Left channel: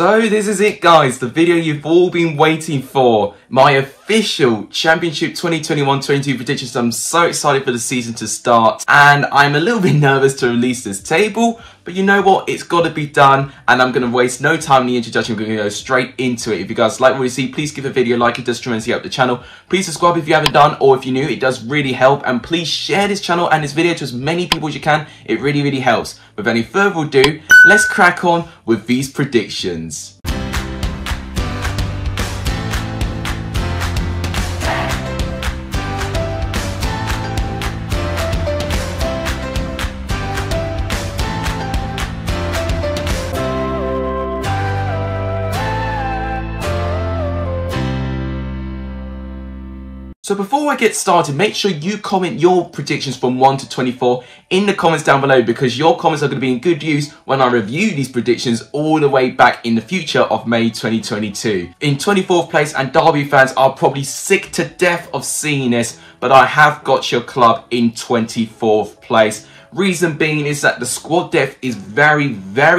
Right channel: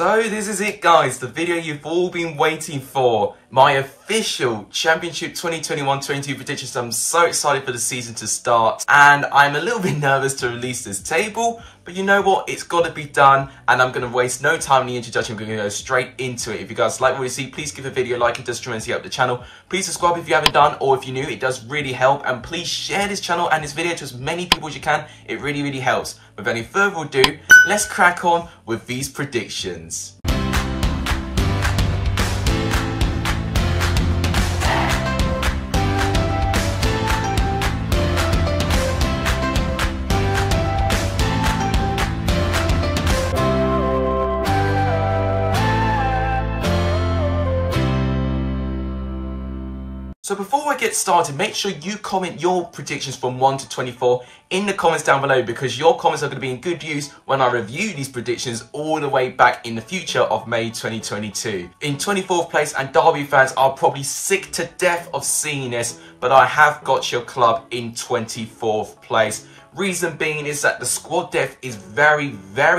So this is it guys, the video you've all been waiting for. My official Championship 2021-22 predictions. I'm so excited for the season to start and I'm a little bit nervous to release this table, but you know what, it's got to be done and I'm going to waste no time in the introduction. I'm going to go straight into it. If you guys like what you see, please give the video a like, it does tremendously help the channel. Please subscribe if you haven't done, or if you're new, it does really help, and please share this channel and this video to as many people as you can. It really helps. Without any further ado, let's crack on with these predictions. So before I get started, make sure you comment your predictions from 1 to 24 in the comments down below, because your comments are going to be in good use when I review these predictions all the way back in the future of May 2022. In 24th place, and Derby fans are probably sick to death of seeing this, but I have got your club in 24th place. Reason being is that the squad depth is very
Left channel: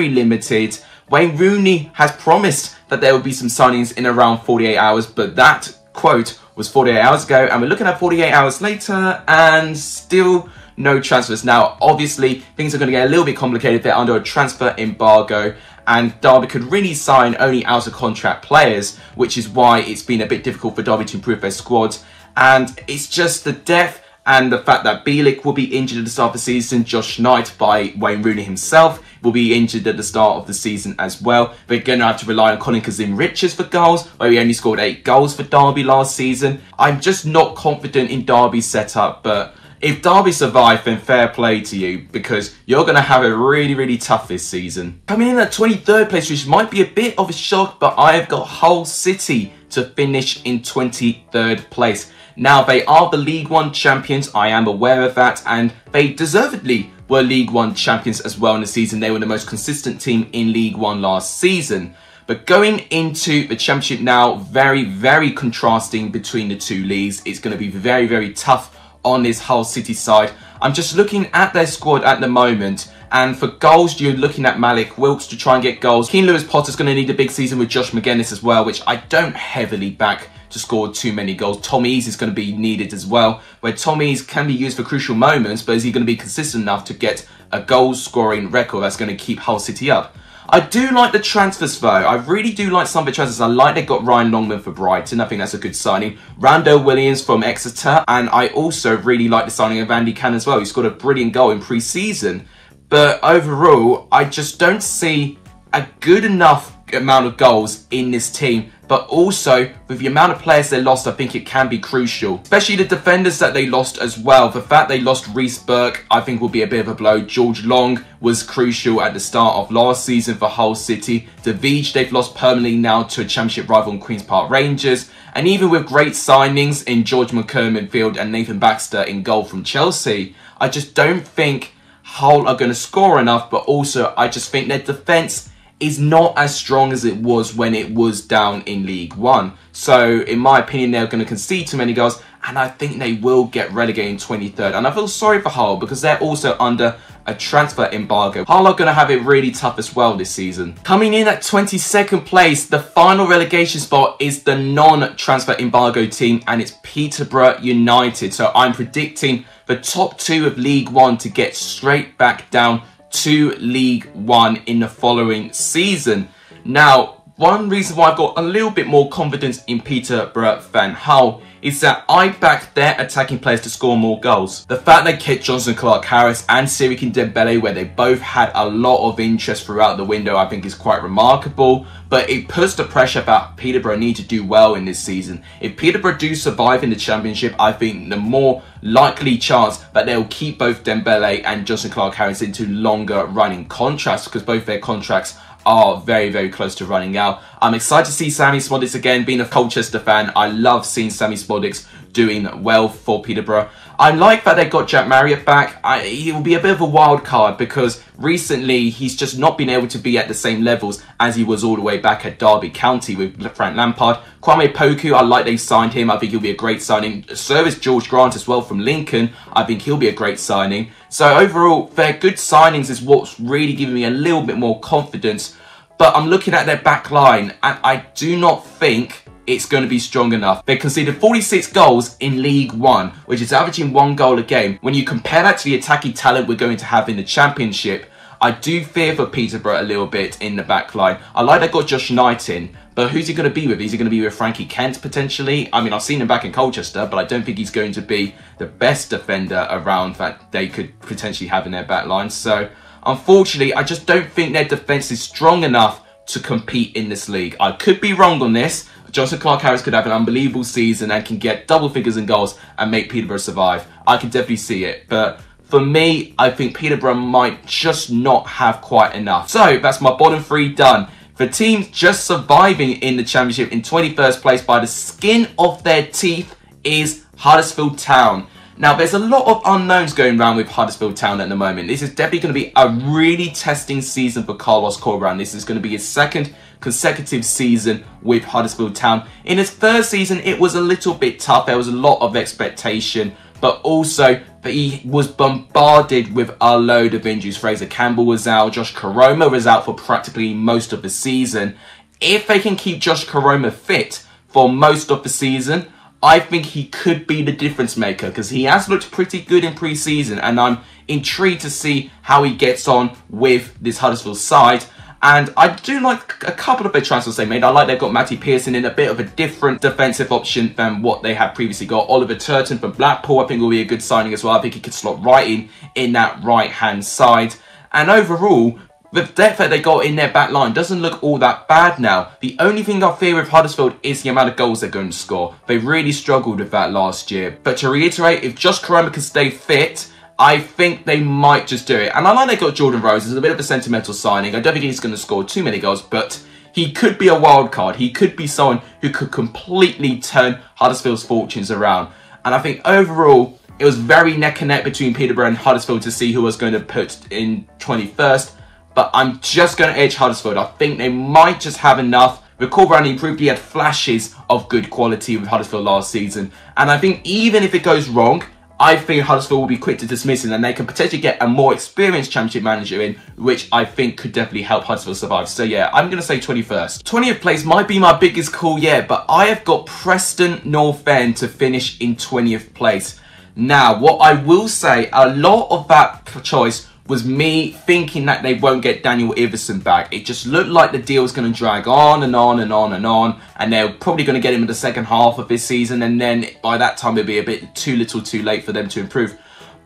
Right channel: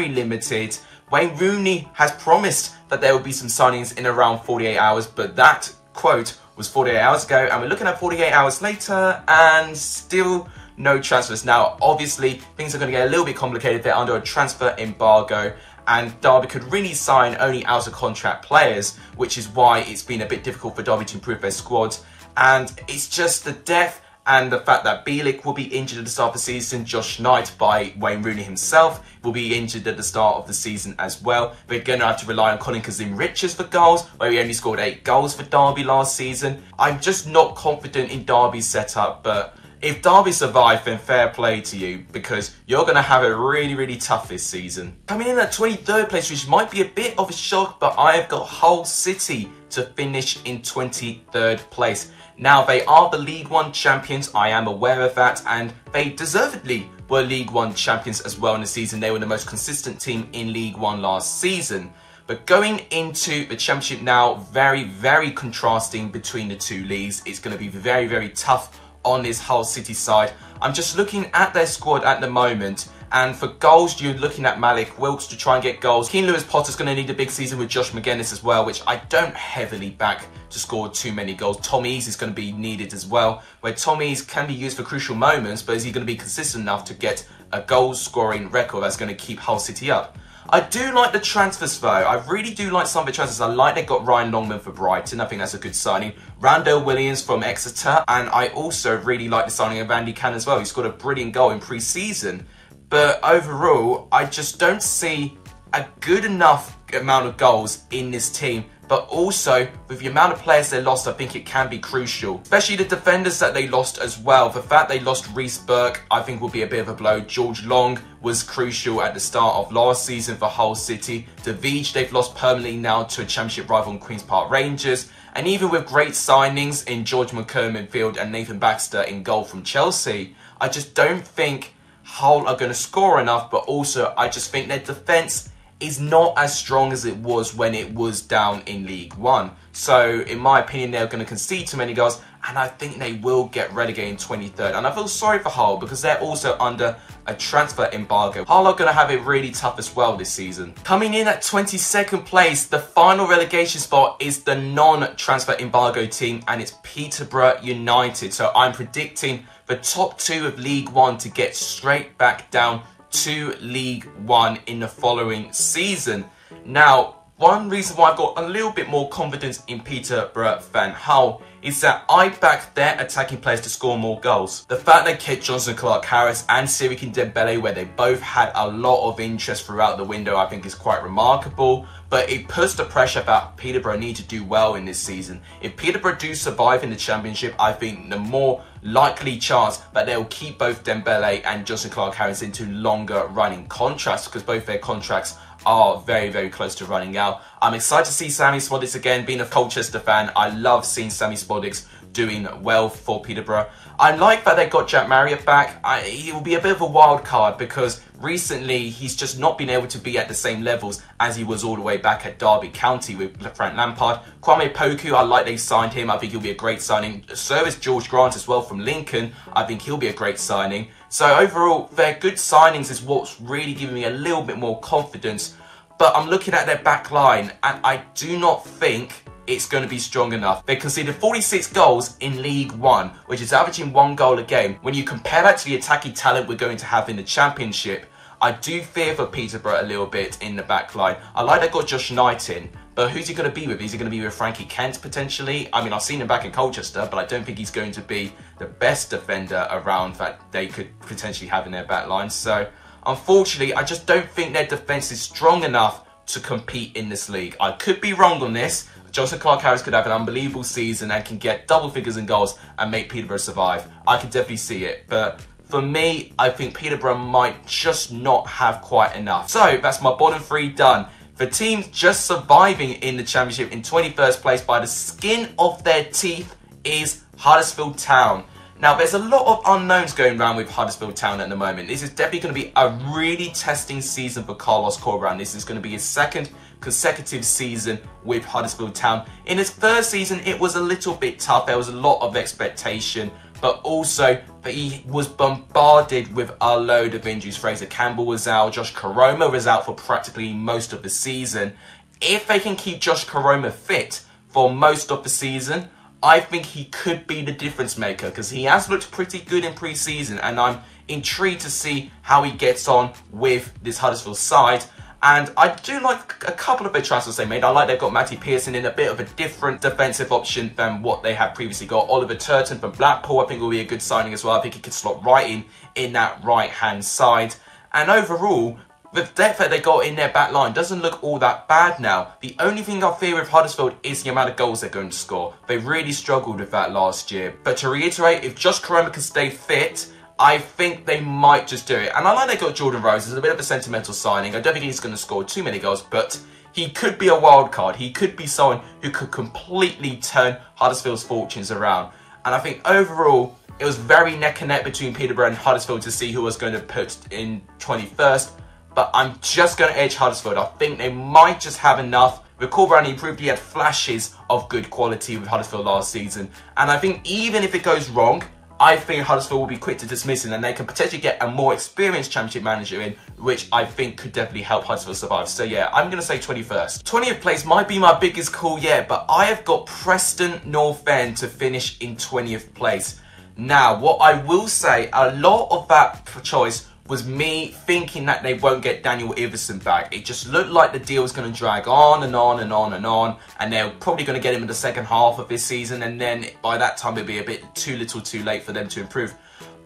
limited. Wayne Rooney has promised that there will be some signings in around 48 hours, but that quote was 48 hours ago, and we're looking at 48 hours later and still no transfers. Now, obviously, things are going to get a little bit complicated. They're under a transfer embargo, and Derby could really sign only out of contract players, which is why it's been a bit difficult for Derby to improve their squads. And it's just the depth and the fact that Bielik will be injured at the start of the season. Josh Knight, by Wayne Rooney himself, will be injured at the start of the season as well. They're going to have to rely on Colin Kazim-Richards for goals, where he only scored 8 goals for Derby last season. I'm just not confident in Derby's setup, but if Derby survive, then fair play to you, because you're going to have it really tough this season. Coming in at 23rd place, which might be a bit of a shock, but I have got Hull City to finish in 23rd place. Now, they are the League One champions, I am aware of that, and they deservedly were League One champions as well in the season. They were the most consistent team in League One last season. But going into the Championship now, very contrasting between the two leagues. It's going to be very tough on this Hull City side. I'm just looking at their squad at the moment, and for goals, you're looking at Malik Wilks to try and get goals. Keane Lewis-Potter's going to need a big season with Josh McGuinness as well, which I don't heavily back to score too many goals. Tom Ease is going to be needed as well, where Tom Ease can be used for crucial moments, but is he going to be consistent enough to get a goal-scoring record that's going to keep Hull City up? I do like the transfers though. I really do like some of the transfers. I like they got Ryan Longman for Brighton. I think that's a good signing. Randall Williams from Exeter. And I also really like the signing of Andy Cannon as well. He scored a brilliant goal in pre-season. But overall, I just don't see a good enough amount of goals in this team. But also, with the amount of players they lost, I think it can be crucial. Especially the defenders that they lost as well. The fact they lost Reece Burke, I think will be a bit of a blow. George Long was crucial at the start of last season for Hull City. Davies, they've lost permanently now to a Championship rival in Queen's Park Rangers. And even with great signings in George McKernan in midfield and Nathan Baxter in goal from Chelsea, I just don't think Hull are going to score enough. But also, I just think their defence is not as strong as it was when it was down in League One. So, in my opinion, they're going to concede too many goals, and I think they will get relegated in 23rd. And I feel sorry for Hull, because they're also under a transfer embargo. Hull are going to have it really tough as well this season. Coming in at 22nd place, the final relegation spot is the non-transfer embargo team, and it's Peterborough United. So, I'm predicting the top 2 of League One to get straight back down to League One in the following season. Now, one reason why I've got a little bit more confidence in Peterborough than Hull is that I back their attacking players to score more goals. The fact they kept Jonson Clarke-Harris and Siriki Dembele, where they both had a lot of interest throughout the window, I think is quite remarkable. But it puts the pressure that Peterborough need to do well in this season. If Peterborough do survive in the Championship, I think the more likely chance that they'll keep both Dembele and Jonson Clarke-Harris into longer running contracts, because both their contracts are very close to running out. I'm excited to see Sammy Szmodics again. Being a Colchester fan, I love seeing Sammy Szmodics doing well for Peterborough. I like that they got Jack Marriott back. He will be a bit of a wild card, because recently he's just not been able to be at the same levels as he was all the way back at Derby County with Frank Lampard. Kwame Poku, I like they signed him. I think he'll be a great signing. So is George Grant as well from Lincoln. I think he'll be a great signing. So overall, their good signings is what's really giving me a little bit more confidence. But I'm looking at their back line, and I do not think it's going to be strong enough. They conceded 46 goals in League One, which is averaging 1 goal a game. When you compare that to the attacking talent we're going to have in the Championship, I do fear for Peterborough a little bit in the back line. I like they got Josh Knight in, but who's he going to be with? Is he going to be with Frankie Kent potentially? I mean, I've seen him back in Colchester, but I don't think he's going to be the best defender around that they could potentially have in their back line. So, unfortunately, I just don't think their defence is strong enough to compete in this league. I could be wrong on this. Jonson Clarke-Harris could have an unbelievable season and can get double figures in goals and make Peterborough survive. I can definitely see it. But for me, I think Peterborough might just not have quite enough. So that's my bottom 3 done. For teams just surviving in the Championship in 21st place by the skin of their teeth is Huddersfield Town. Now, there's a lot of unknowns going around with Huddersfield Town at the moment. This is definitely going to be a really testing season for Carlos Corberán. This is going to be his second consecutive season with Huddersfield Town. In his first season, it was a little bit tough. There was a lot of expectation, but also he was bombarded with a load of injuries. Fraser Campbell was out. Josh Koroma was out for practically most of the season. If they can keep Josh Koroma fit for most of the season, I think he could be the difference maker, because he has looked pretty good in pre-season, and I'm intrigued to see how he gets on with this Huddersfield side. And I do like a couple of the transfers they made. I like they've got Matty Pearson in, a bit of a different defensive option than what they had previously got. Oliver Turton from Blackpool, I think will be a good signing as well. I think he could slot right in that right-hand side. And overall, the depth that they got in their back line doesn't look all that bad now. The only thing I fear with Huddersfield is the amount of goals they're going to score. They really struggled with that last year. But to reiterate, if Josh Koroma can stay fit, I think they might just do it. And I like they got Jordan Rose. It's a bit of a sentimental signing. I don't think he's going to score too many goals, but he could be a wild card. He could be someone who could completely turn Huddersfield's fortunes around. And I think overall, it was very neck and neck between Peterborough and Huddersfield to see who was going to put in 21st. But I'm just going to edge Huddersfield. I think they might just have enough. With Corberán, he proved he had flashes of good quality with Huddersfield last season. And I think even if it goes wrong, I think Huddersfield will be quick to dismiss it, and they can potentially get a more experienced Championship manager in, which I think could definitely help Huddersfield survive. So yeah, I'm going to say 21st. 20th place might be my biggest call yet, but I have got Preston North End to finish in 20th place. Now, what I will say, a lot of that choice was me thinking that they won't get Daniel Iversen back. It just looked like the deal was going to drag on and on and on and on, and they're probably going to get him in the second half of this season, and then by that time it'll be a bit too little too late for them to improve.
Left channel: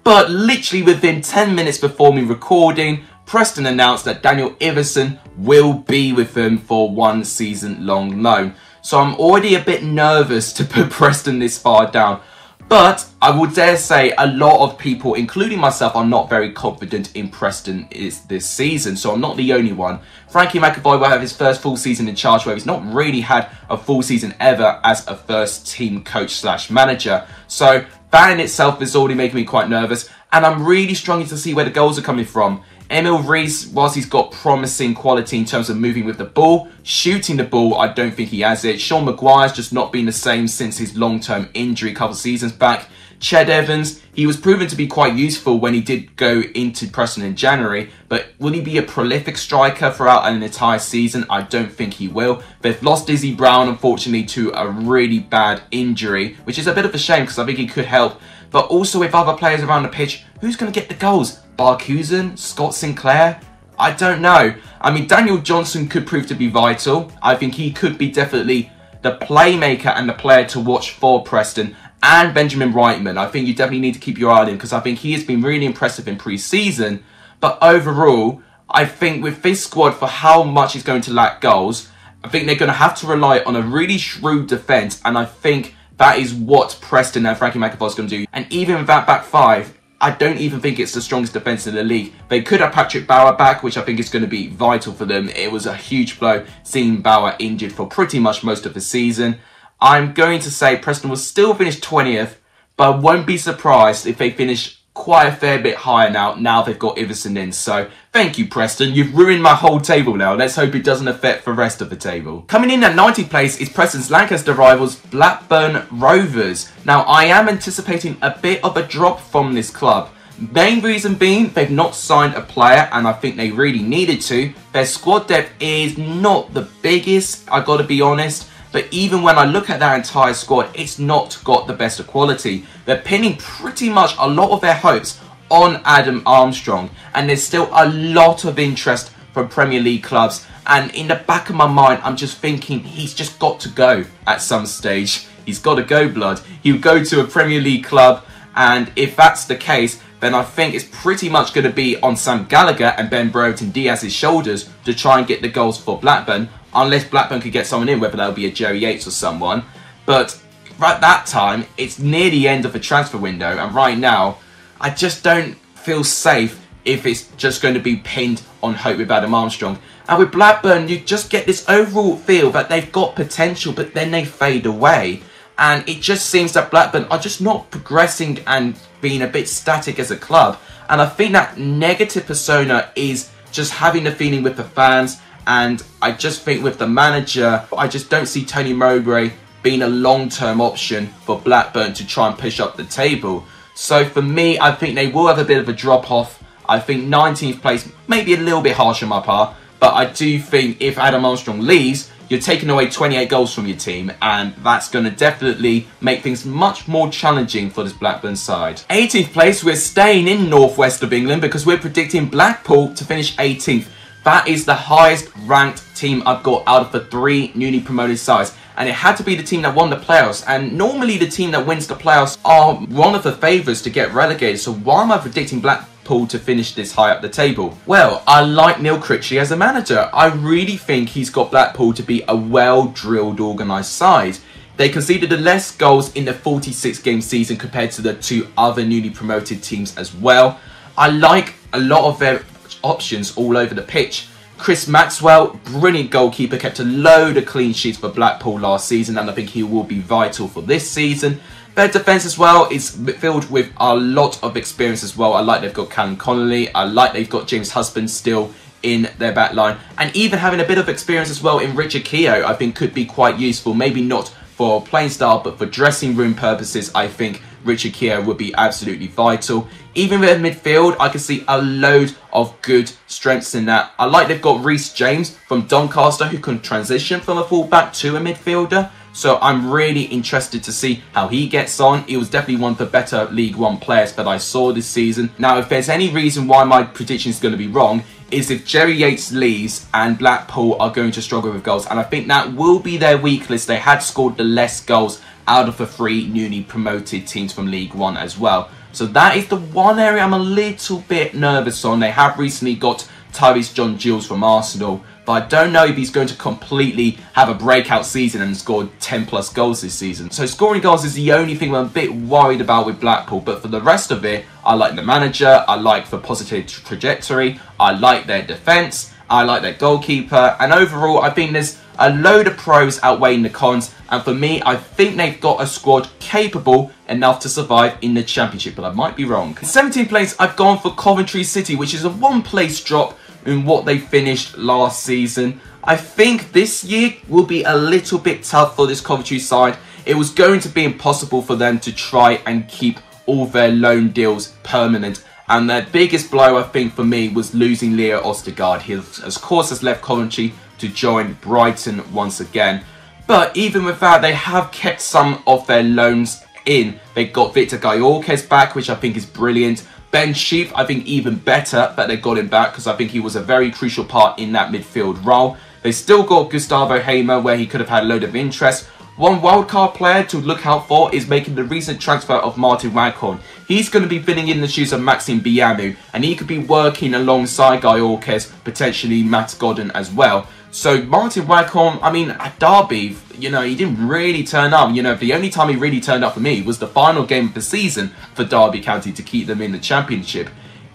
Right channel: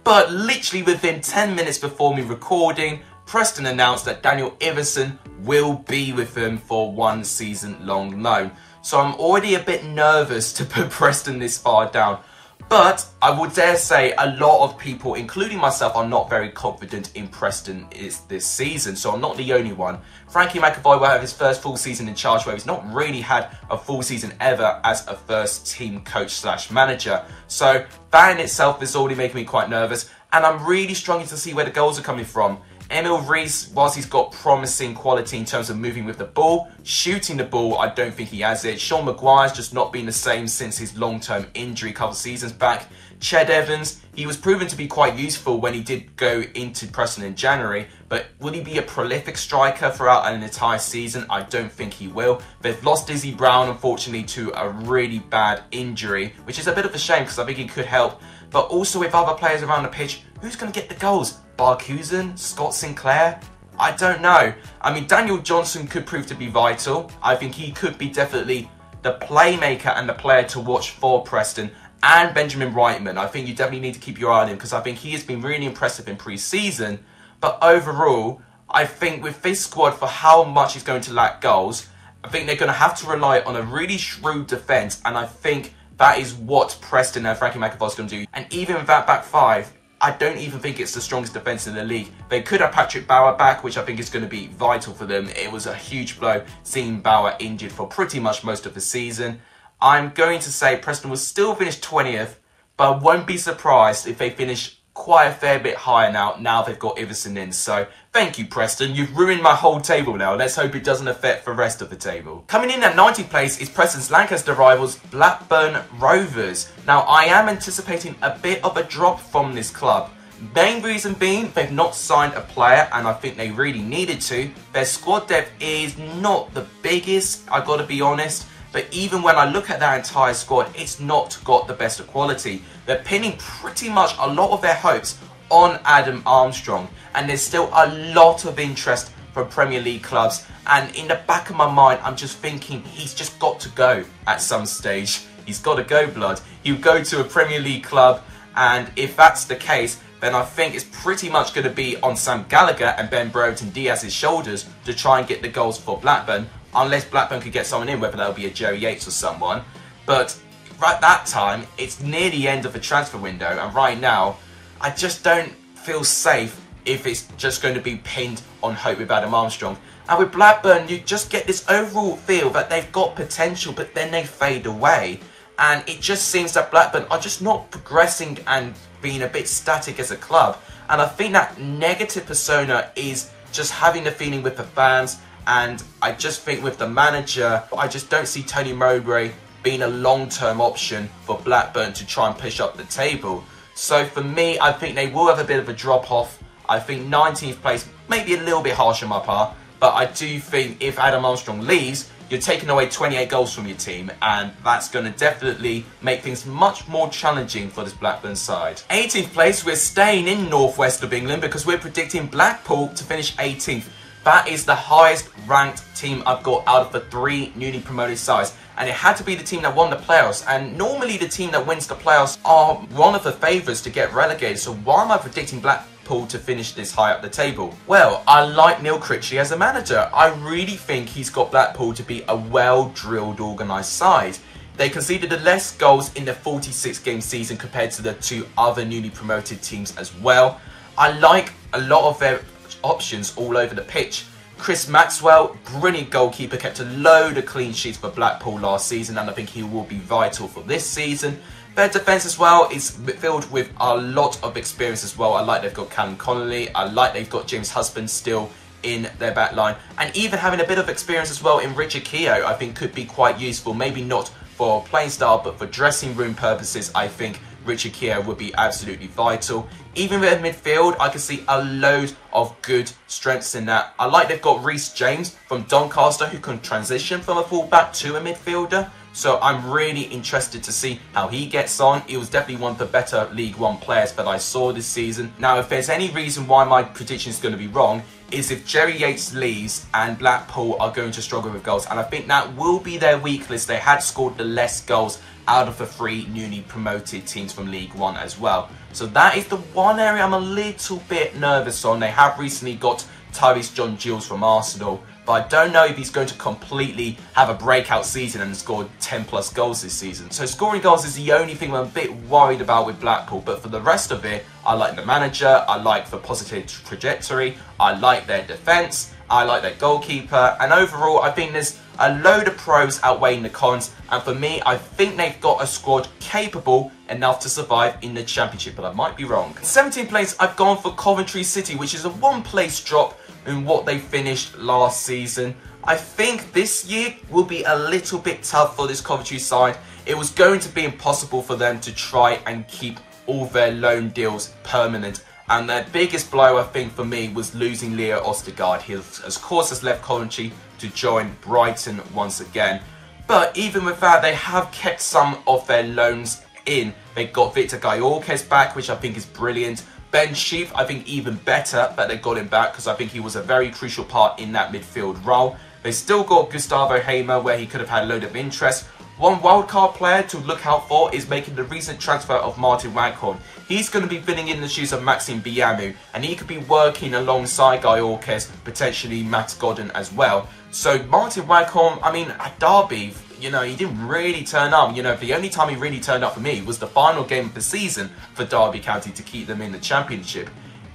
But literally within 10 minutes before me recording, Preston announced that Daniel Iversen will be with them for 1 season-long loan. So I'm already a bit nervous to put Preston this far down. But I would dare say a lot of people, including myself, are not very confident in Preston this season. So I'm not the only one. Frankie McAvoy will have his first full season in charge, where he's not really had a full season ever as a first team coach / manager. So that in itself is already making me quite nervous. And I'm really struggling to see where the goals are coming from. Emil Rees, whilst he's got promising quality in terms of moving with the ball, shooting the ball, I don't think he has it. Sean Maguire's just not been the same since his long-term injury a couple seasons back. Ched Evans, he was proven to be quite useful when he did go into Preston in January, but will he be a prolific striker throughout an entire season? I don't think he will. They've lost Izzy Brown, unfortunately, to a really bad injury, which is a bit of a shame because I think he could help. But also with other players around the pitch, who's going to get the goals? Barkhuizen? Scott Sinclair? I don't know. I mean, Daniel Johnson could prove to be vital. I think he could be definitely the playmaker and the player to watch for Preston. And Benjamin Reitman. I think you definitely need to keep your eye on him because I think he has been really impressive in pre-season. But overall, I think with this squad, for how much he's going to lack goals, I think they're going to have to rely on a really shrewd defence. And I think that is what Preston and Frankie McAvoy is going to do. And even with that back five, I don't even think it's the strongest defence in the league. They could have Patrick Bauer back, which I think is going to be vital for them. It was a huge blow seeing Bauer injured for pretty much most of the season. I'm going to say Preston will still finish 20th, but I won't be surprised if they finish quite a fair bit higher now they've got Iversen in. So thank you, Preston. You've ruined my whole table now. Let's hope it doesn't affect the rest of the table. Coming in at 90th place is Preston's Lancaster rivals, Blackburn Rovers. Now, I am anticipating a bit of a drop from this club. Main reason being, they've not signed a player, and I think they really needed to. Their squad depth is not the biggest, I gotta be honest. But even when I look at that entire squad, it's not got the best of quality. They're pinning pretty much a lot of their hopes on Adam Armstrong. And there's still a lot of interest from Premier League clubs. And in the back of my mind, I'm just thinking he's just got to go at some stage. He's got to go, blood. He'll go to a Premier League club. And if that's the case, then I think it's pretty much going to be on Sam Gallagher and Ben Brereton Diaz's shoulders to try and get the goals for Blackburn. Unless Blackburn could get someone in, whether that'll be a Jerry Yates or someone. But right that time, it's near the end of the transfer window. And right now, I just don't feel safe if it's just going to be pinned on hope with Adam Armstrong. And with Blackburn, you just get this overall feel that they've got potential, but then they fade away. And it just seems that Blackburn are just not progressing and being a bit static as a club. And I think that negative persona is just having the feeling with the fans. And I just think with the manager, I just don't see Tony Mowbray being a long-term option for Blackburn to try and push up the table. So for me, I think they will have a bit of a drop-off. I think 19th place may be a little bit harsh on my part. But I do think if Adam Armstrong leaves, you're taking away 28 goals from your team, and that's going to definitely make things much more challenging for this Blackburn side. 18th place, we're staying in northwest of England because we're predicting Blackpool to finish 18th. That is the highest ranked team I've got out of the 3 newly promoted sides. And it had to be the team that won the playoffs. And normally the team that wins the playoffs are one of the favourites to get relegated. So why am I predicting Blackpool to finish this high up the table? Well, I like Neil Critchley as a manager. I really think he's got Blackpool to be a well-drilled, organised side. They conceded the less goals in the 46-game season compared to the 2 other newly promoted teams as well. I like a lot of their options all over the pitch. Chris Maxwell, brilliant goalkeeper, kept a load of clean sheets for Blackpool last season, and I think he will be vital for this season. Their defence as well is filled with a lot of experience as well. I like they've got Callum Connolly. I like they've got James Husband still in their back line. And even having a bit of experience as well in Richard Keogh, I think could be quite useful. Maybe not for playing style, but for dressing room purposes, I think Richard Keogh would be absolutely vital. Even with midfield, I can see a load of good strengths in that. I like they've got Reece James from Doncaster who can transition from a fullback to a midfielder. So I'm really interested to see how he gets on. He was definitely one of the better League One players that I saw this season. Now, if there's any reason why my prediction is going to be wrong, is if Jerry Yates leaves and Blackpool are going to struggle with goals. And I think that will be their weakness. They had scored the less goals out of the 3 newly promoted teams from League One as well. So that is the one area I'm a little bit nervous on. They have recently got Tyrese John Jules from Arsenal, but I don't know if he's going to completely have a breakout season and score 10 plus goals this season. So scoring goals is the only thing I'm a bit worried about with Blackpool, but for the rest of it, I like the manager, I like the positive trajectory, I like their defence, I like their goalkeeper, and overall I think there's a load of pros outweighing the cons, and for me I think they've got a squad capable enough to survive in the Championship, but I might be wrong. 17th place, I've gone for Coventry City, which is a 1 place drop in what they finished last season. I think this year will be a little bit tough for this Coventry side. It was going to be impossible for them to try and keep all their loan deals permanent. And their biggest blow, I think, for me, was losing Leo Ostergaard. He, of course, has left Coventry to join Brighton once again. But even with that, they have kept some of their loans in. They got Victor Gyorkes back, which I think is brilliant. Ben Sheaf, I think even better that they got him back because I think he was a very crucial part in that midfield role. They still got Gustavo Hamer where he could have had a load of interest. One wildcard player to look out for is making the recent transfer of Martin Waghorn. He's going to be filling in the shoes of Maxime Biamou, and he could be working alongside Gyorkes, potentially Max Godden as well. So Martin Waghorn, I mean, at Derby, you know, he didn't really turn up. You know, the only time he really turned up for me was the final game of the season for Derby County to keep them in the Championship.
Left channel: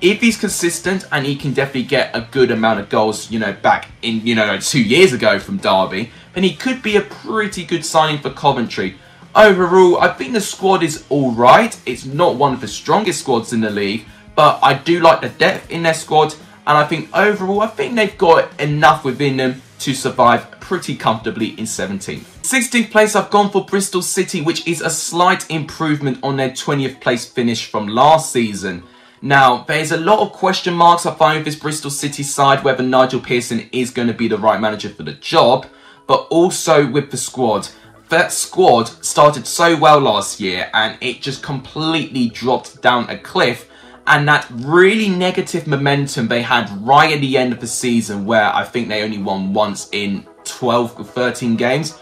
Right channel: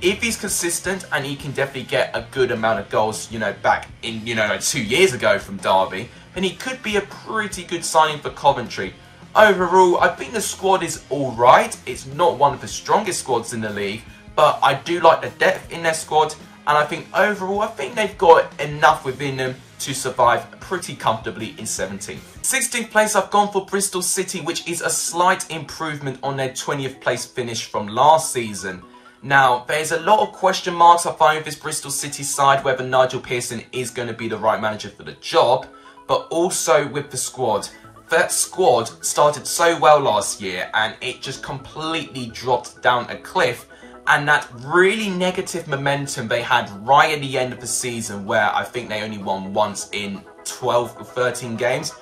If he's consistent and he can definitely get a good amount of goals, you know, back in, you know, like 2 years ago from Derby, then he could be a pretty good signing for Coventry. Overall, I think the squad is alright. It's not one of the strongest squads in the league, but I do like the depth in their squad. And I think overall, I think they've got enough within them to survive pretty comfortably in 17th. 16th place, I've gone for Bristol City, which is a slight improvement on their 20th place finish from last season. Now, there's a lot of question marks I find with this Bristol City side, whether Nigel Pearson is going to be the right manager for the job, but also with the squad. That squad started so well last year and it just completely dropped down a cliff. And that really negative momentum they had right at the end of the season, where I think they only won once in 12 or 13 games,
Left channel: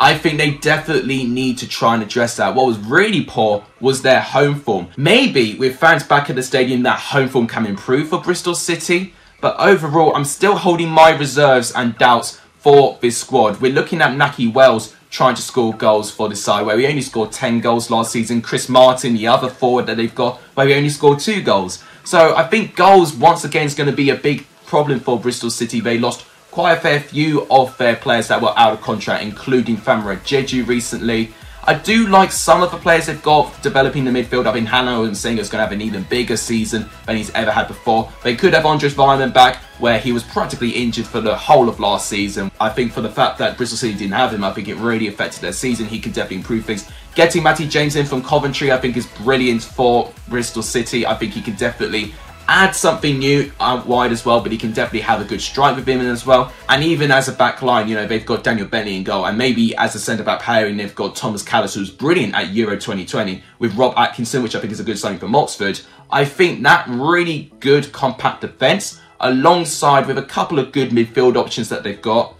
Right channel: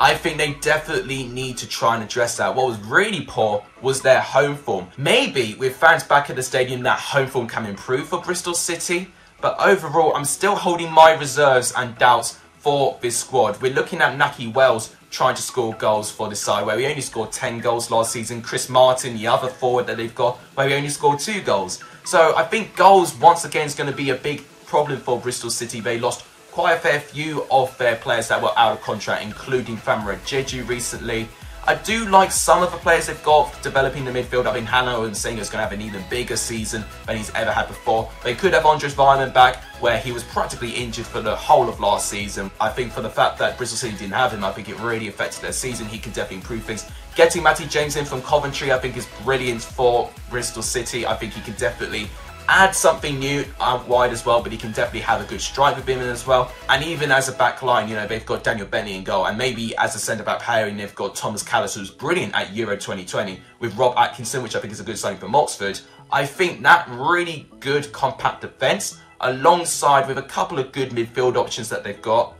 I think they definitely need to try and address that. What was really poor was their home form. Maybe with fans back at the stadium, that home form can improve for Bristol City. But overall, I'm still holding my reserves and doubts for this squad. We're looking at Nahki Wells trying to score goals for this side, where we only scored 10 goals last season. Chris Martin, the other forward that they've got, where we only scored 2 goals. So I think goals, once again, is going to be a big problem for Bristol City. They lost quite a fair few of their players that were out of contract, including Famara Jeju recently. I do like some of the players they've got developing the midfield. I think Hanno and Singer's going to have an even bigger season than he's ever had before. They could have Andres Weimann back, where he was practically injured for the whole of last season. I think for the fact that Bristol City didn't have him, I think it really affected their season. He could definitely improve things. Getting Matty James in from Coventry, I think, is brilliant for Bristol City. I think he could definitely add something new out wide as well, but he can definitely have a good strike with him as well. And even as a back line, you know, they've got Daniel Bentley in goal, and maybe as a centre-back pairing, they've got Thomas Callis, who's brilliant at Euro 2020, with Rob Atkinson, which I think is a good signing from Oxford. I think that really good compact defence, alongside with a couple of good midfield options that they've got,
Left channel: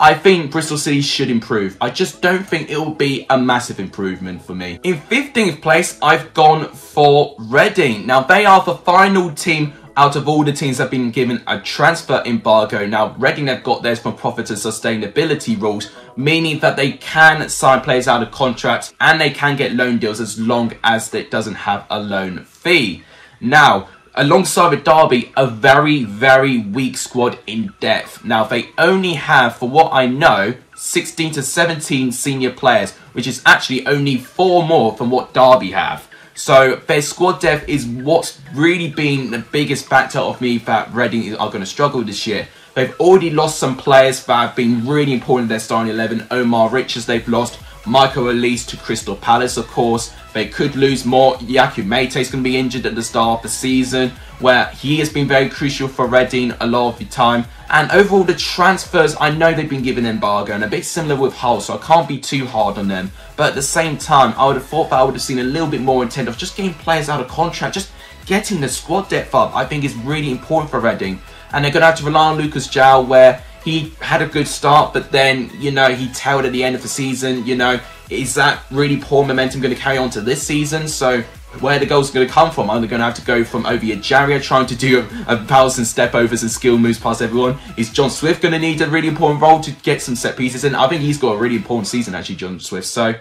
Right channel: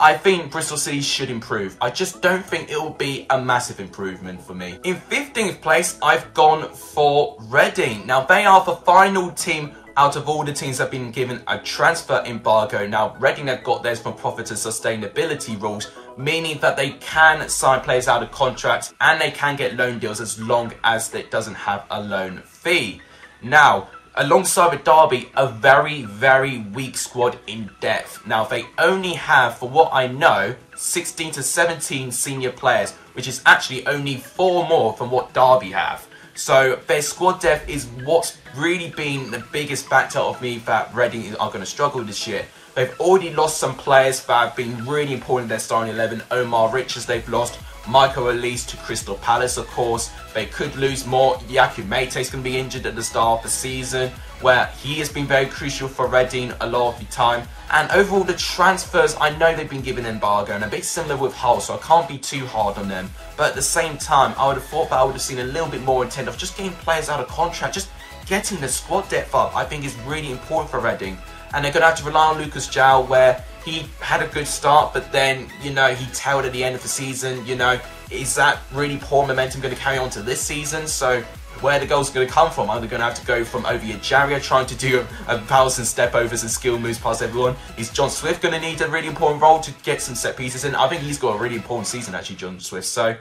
I think Bristol City should improve. I just don't think it will be a massive improvement for me. In 15th place, I've gone for Reading. Now, they are the final team out of all the teams that have been given a transfer embargo. Now, Reading have got theirs from profit and sustainability rules, meaning that they can sign players out of contracts and they can get loan deals as long as it doesn't have a loan fee. Now, alongside with Derby, a very, very weak squad in depth. Now, they only have, for what I know, 16 to 17 senior players, which is actually only 4 more than what Derby have. So their squad depth is what's really been the biggest factor of me that Reading are going to struggle this year. They've already lost some players that have been really important in their starting 11. Omar Richards they've lost. Michael Elise to Crystal Palace, of course. They could lose more. Yaku Mate is going to be injured at the start of the season, where he has been very crucial for Reading a lot of the time. And overall, the transfers, I know they've been given embargo, and a bit similar with Hull, so I can't be too hard on them. But at the same time, I would have thought that I would have seen a little bit more intent of just getting players out of contract, just getting the squad depth up, I think is really important for Reading. And they're going to have to rely on Lucas João, where he had a good start, but then, you know, he tailed at the end of the season. You know, is that really poor momentum going to carry on to this season? So where the goals are going to come from? Are they going to have to go from Ovie Ejaria trying to do 1,000 step overs and skill moves past everyone? Is John Swift going to need a really important role to get some set pieces in? I think he's got a really important season, actually, John Swift. So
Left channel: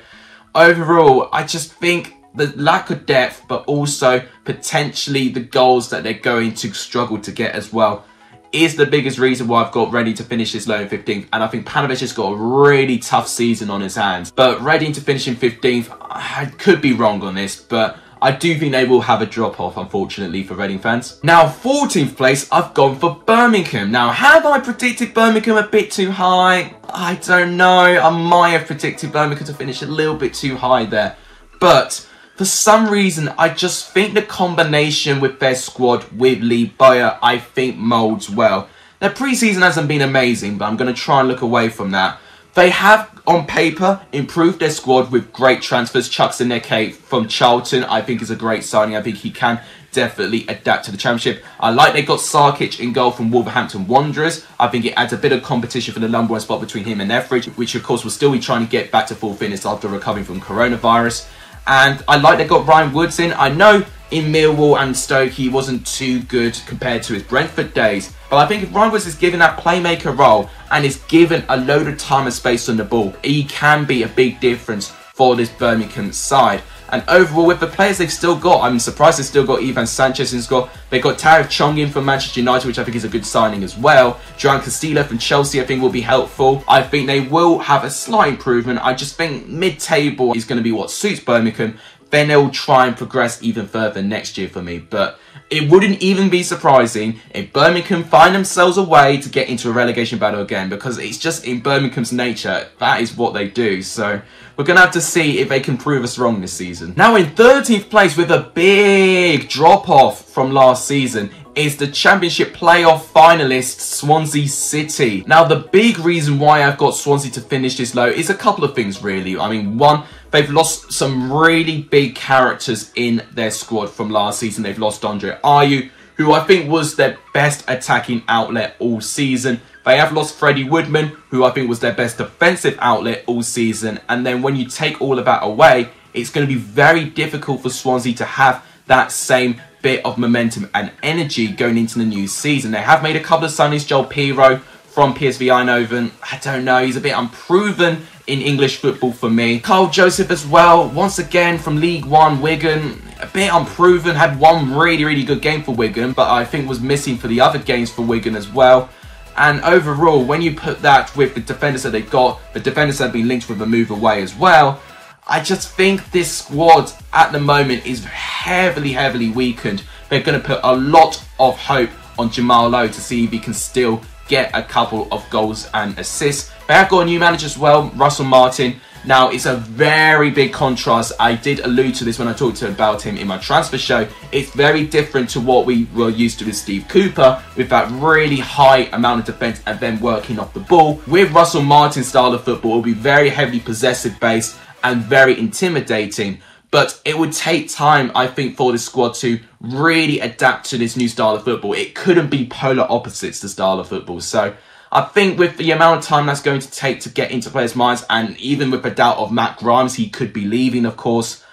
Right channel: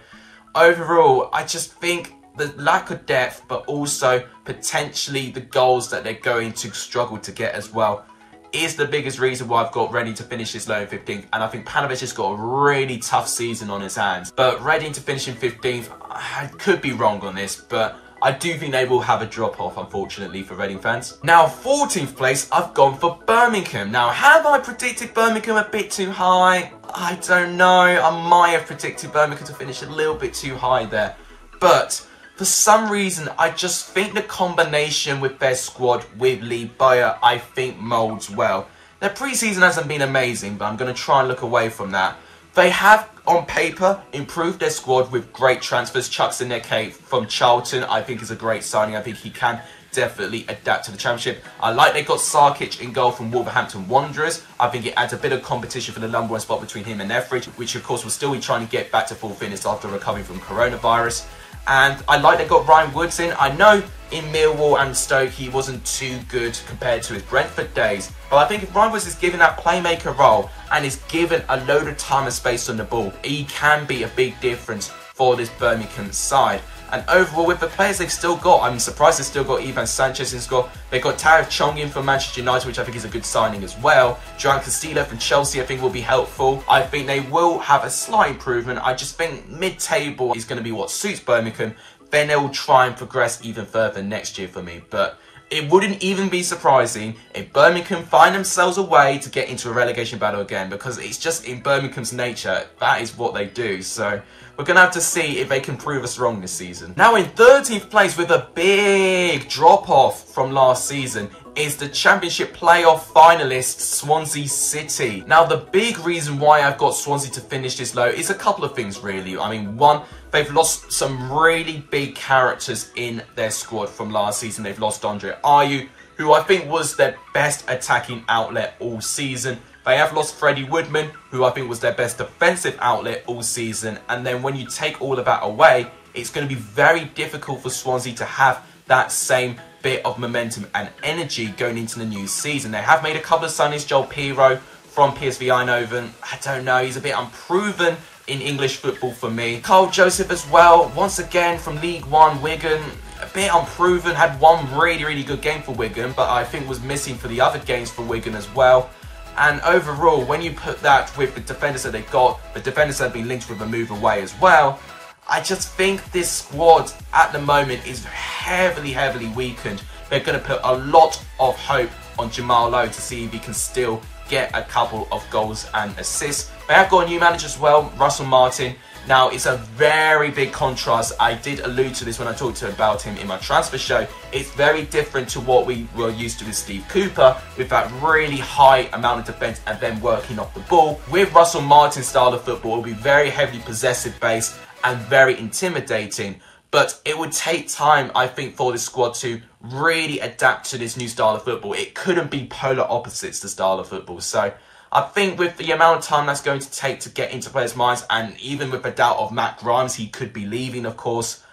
overall, I just think the lack of depth, but also potentially the goals that they're going to struggle to get as well, is the biggest reason why I've got Reading to finish this low in 15th. And I think Panovich has got a really tough season on his hands. But Reading to finish in 15th, I could be wrong on this, but I do think they will have a drop-off, unfortunately, for Reading fans. Now, 14th place, I've gone for Birmingham. Now, have I predicted Birmingham a bit too high? I don't know. I might have predicted Birmingham to finish a little bit too high there. But for some reason, I just think the combination with their squad with Lee Bowyer, I think molds well. Their pre-season hasn't been amazing, but I'm going to try and look away from that. They have, on paper, improved their squad with great transfers. Chuck Zineke from Charlton, I think, is a great signing. I think he can definitely adapt to the Championship. I like they got Sarkic in goal from Wolverhampton Wanderers. I think it adds a bit of competition for the number 1 spot between him and Etheridge, which, of course, will still be trying to get back to full fitness after recovering from coronavirus. And I like they got Ryan Woods in. I know in Millwall and Stoke he wasn't too good compared to his Brentford days, but I think if Ryan Woods is given that playmaker role and is given a load of time and space on the ball, he can be a big difference for this Birmingham side. And overall, with the players they've still got, I'm surprised they've still got Ivan Sanchez in score. They've got Tariq Chong in from Manchester United, which I think is a good signing as well. Joan Castillo from Chelsea, I think, will be helpful. I think they will have a slight improvement. I just think mid-table is going to be what suits Birmingham. Then they'll try and progress even further next year for me. But it wouldn't even be surprising if Birmingham find themselves a way to get into a relegation battle again, because it's just in Birmingham's nature. That is what they do. So we're going to have to see if they can prove us wrong this season. Now in 13th place with a big drop off from last season is the Championship playoff finalist Swansea City. Now the big reason why I've got Swansea to finish this low is a couple of things really. I mean, one, they've lost some really big characters in their squad from last season. They've lost Andre Ayew, who I think was their best attacking outlet all season. They have lost Freddie Woodman, who I think was their best defensive outlet all season. And then when you take all of that away, it's going to be very difficult for Swansea to have that same bit of momentum and energy going into the new season. They have made a couple of signings. Joel Piroe from PSV Eindhoven, I don't know, he's a bit unproven in English football for me. Carl Joseph as well, once again from League One, Wigan, a bit unproven, had one really good game for Wigan, but I think was missing for the other games for Wigan as well. And overall, when you put that with the defenders that they've got, the defenders that have been linked with a move away as well, I just think this squad at the moment is heavily weakened. They're going to put a lot of hope on Jamal Lowe to see if he can still get a couple of goals and assists. They have got a new manager as well, Russell Martin. Now, it's a very big contrast. I did allude to this when I talked about him in my transfer show. It's very different to what we were used to with Steve Cooper, with that really high amount of defence and then working off the ball. With Russell Martin's style of football, it will be very heavily possessive based and very intimidating. But it would take time, I think, for this squad to really adapt to this new style of football. It couldn't be polar opposites, the style of football. So I think with the amount of time that's going to take to get into players' minds, and even with the doubt of Matt Grimes, he could be leaving, of course,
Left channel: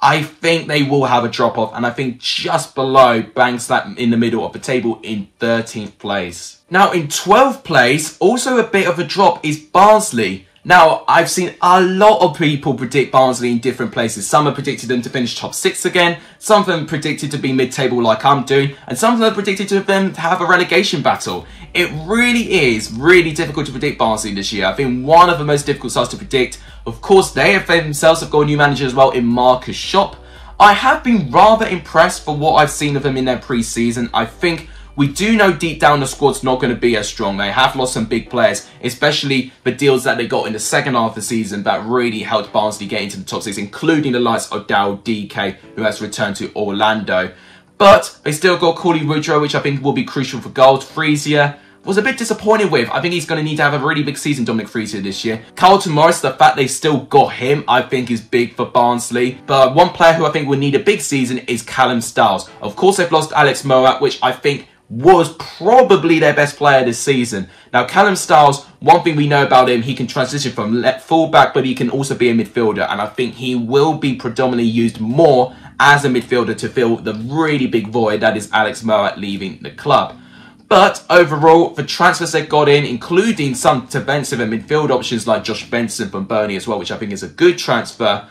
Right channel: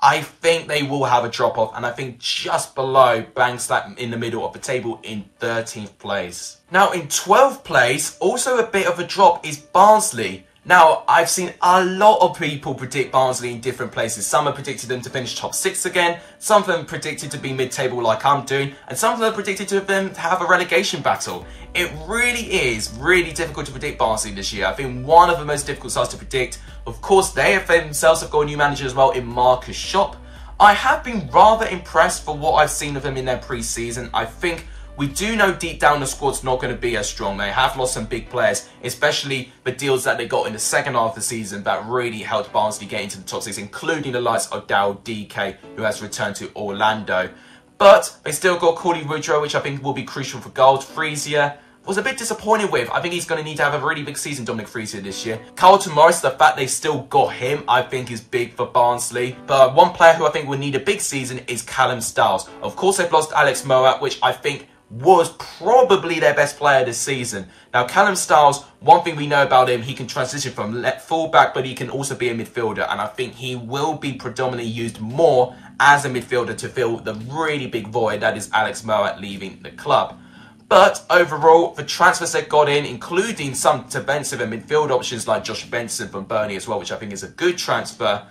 I think they will have a drop-off. And I think just below, bang slap in the middle of the table in 13th place. Now, in 12th place, also a bit of a drop is Barnsley. Now, I've seen a lot of people predict Barnsley in different places. Some have predicted them to finish top 6 again. Some of them predicted to be mid-table like I'm doing. And some of them predicted to them to have a relegation battle. It really is really difficult to predict Barnsley this year. I think one of the most difficult sides to predict. Of course, they themselves have got a new manager as well in Marcus Schopp. I have been rather impressed for what I've seen of them in their pre-season. I think we do know deep down the squad's not going to be as strong. They have lost some big players, especially the deals that they got in the second half of the season that really helped Barnsley get into the top 6, including the likes of Daryl DK, who has returned to Orlando. But they still got Cauley Woodrow, which I think will be crucial for goals. Freesia was a bit disappointed with. I think he's going to need to have a really big season, Dominic Freesia, this year. Carlton Morris, the fact they've still got him, I think is big for Barnsley. But one player who I think will need a big season is Callum Styles. Of course, they've lost Alex Mowatt, which I think was probably their best player this season. Now, Callum Styles, one thing we know about him, he can transition from left fullback, but he can also be a midfielder. And I think he will be predominantly used more as a midfielder to fill the really big void that is Alex Mowatt leaving the club. But overall, the transfers they got in, including some defensive and midfield options like Josh Benson from Burnley as well, which I think is a good transfer,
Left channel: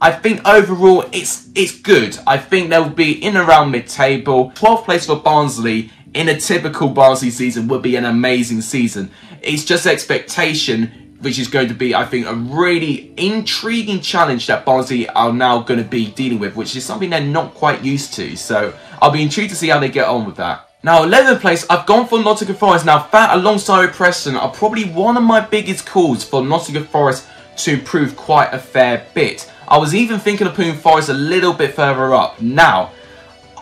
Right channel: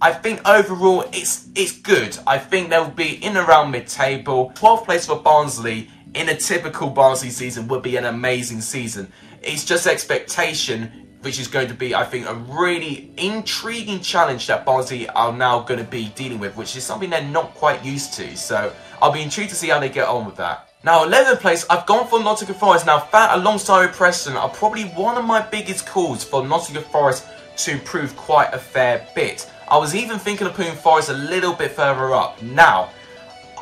I think overall it's good. I think they'll be in around mid-table. 12th place for Barnsley in a typical Barnsley season would be an amazing season. It's just expectation, which is going to be, I think, a really intriguing challenge that Barnsley are now going to be dealing with, which is something they're not quite used to. So I'll be intrigued to see how they get on with that. Now, 11th place, I've gone for Nottingham Forest. Now, that alongside with Preston are probably one of my biggest calls for Nottingham Forest to improve quite a fair bit. I was even thinking of putting Forest a little bit further up. Now,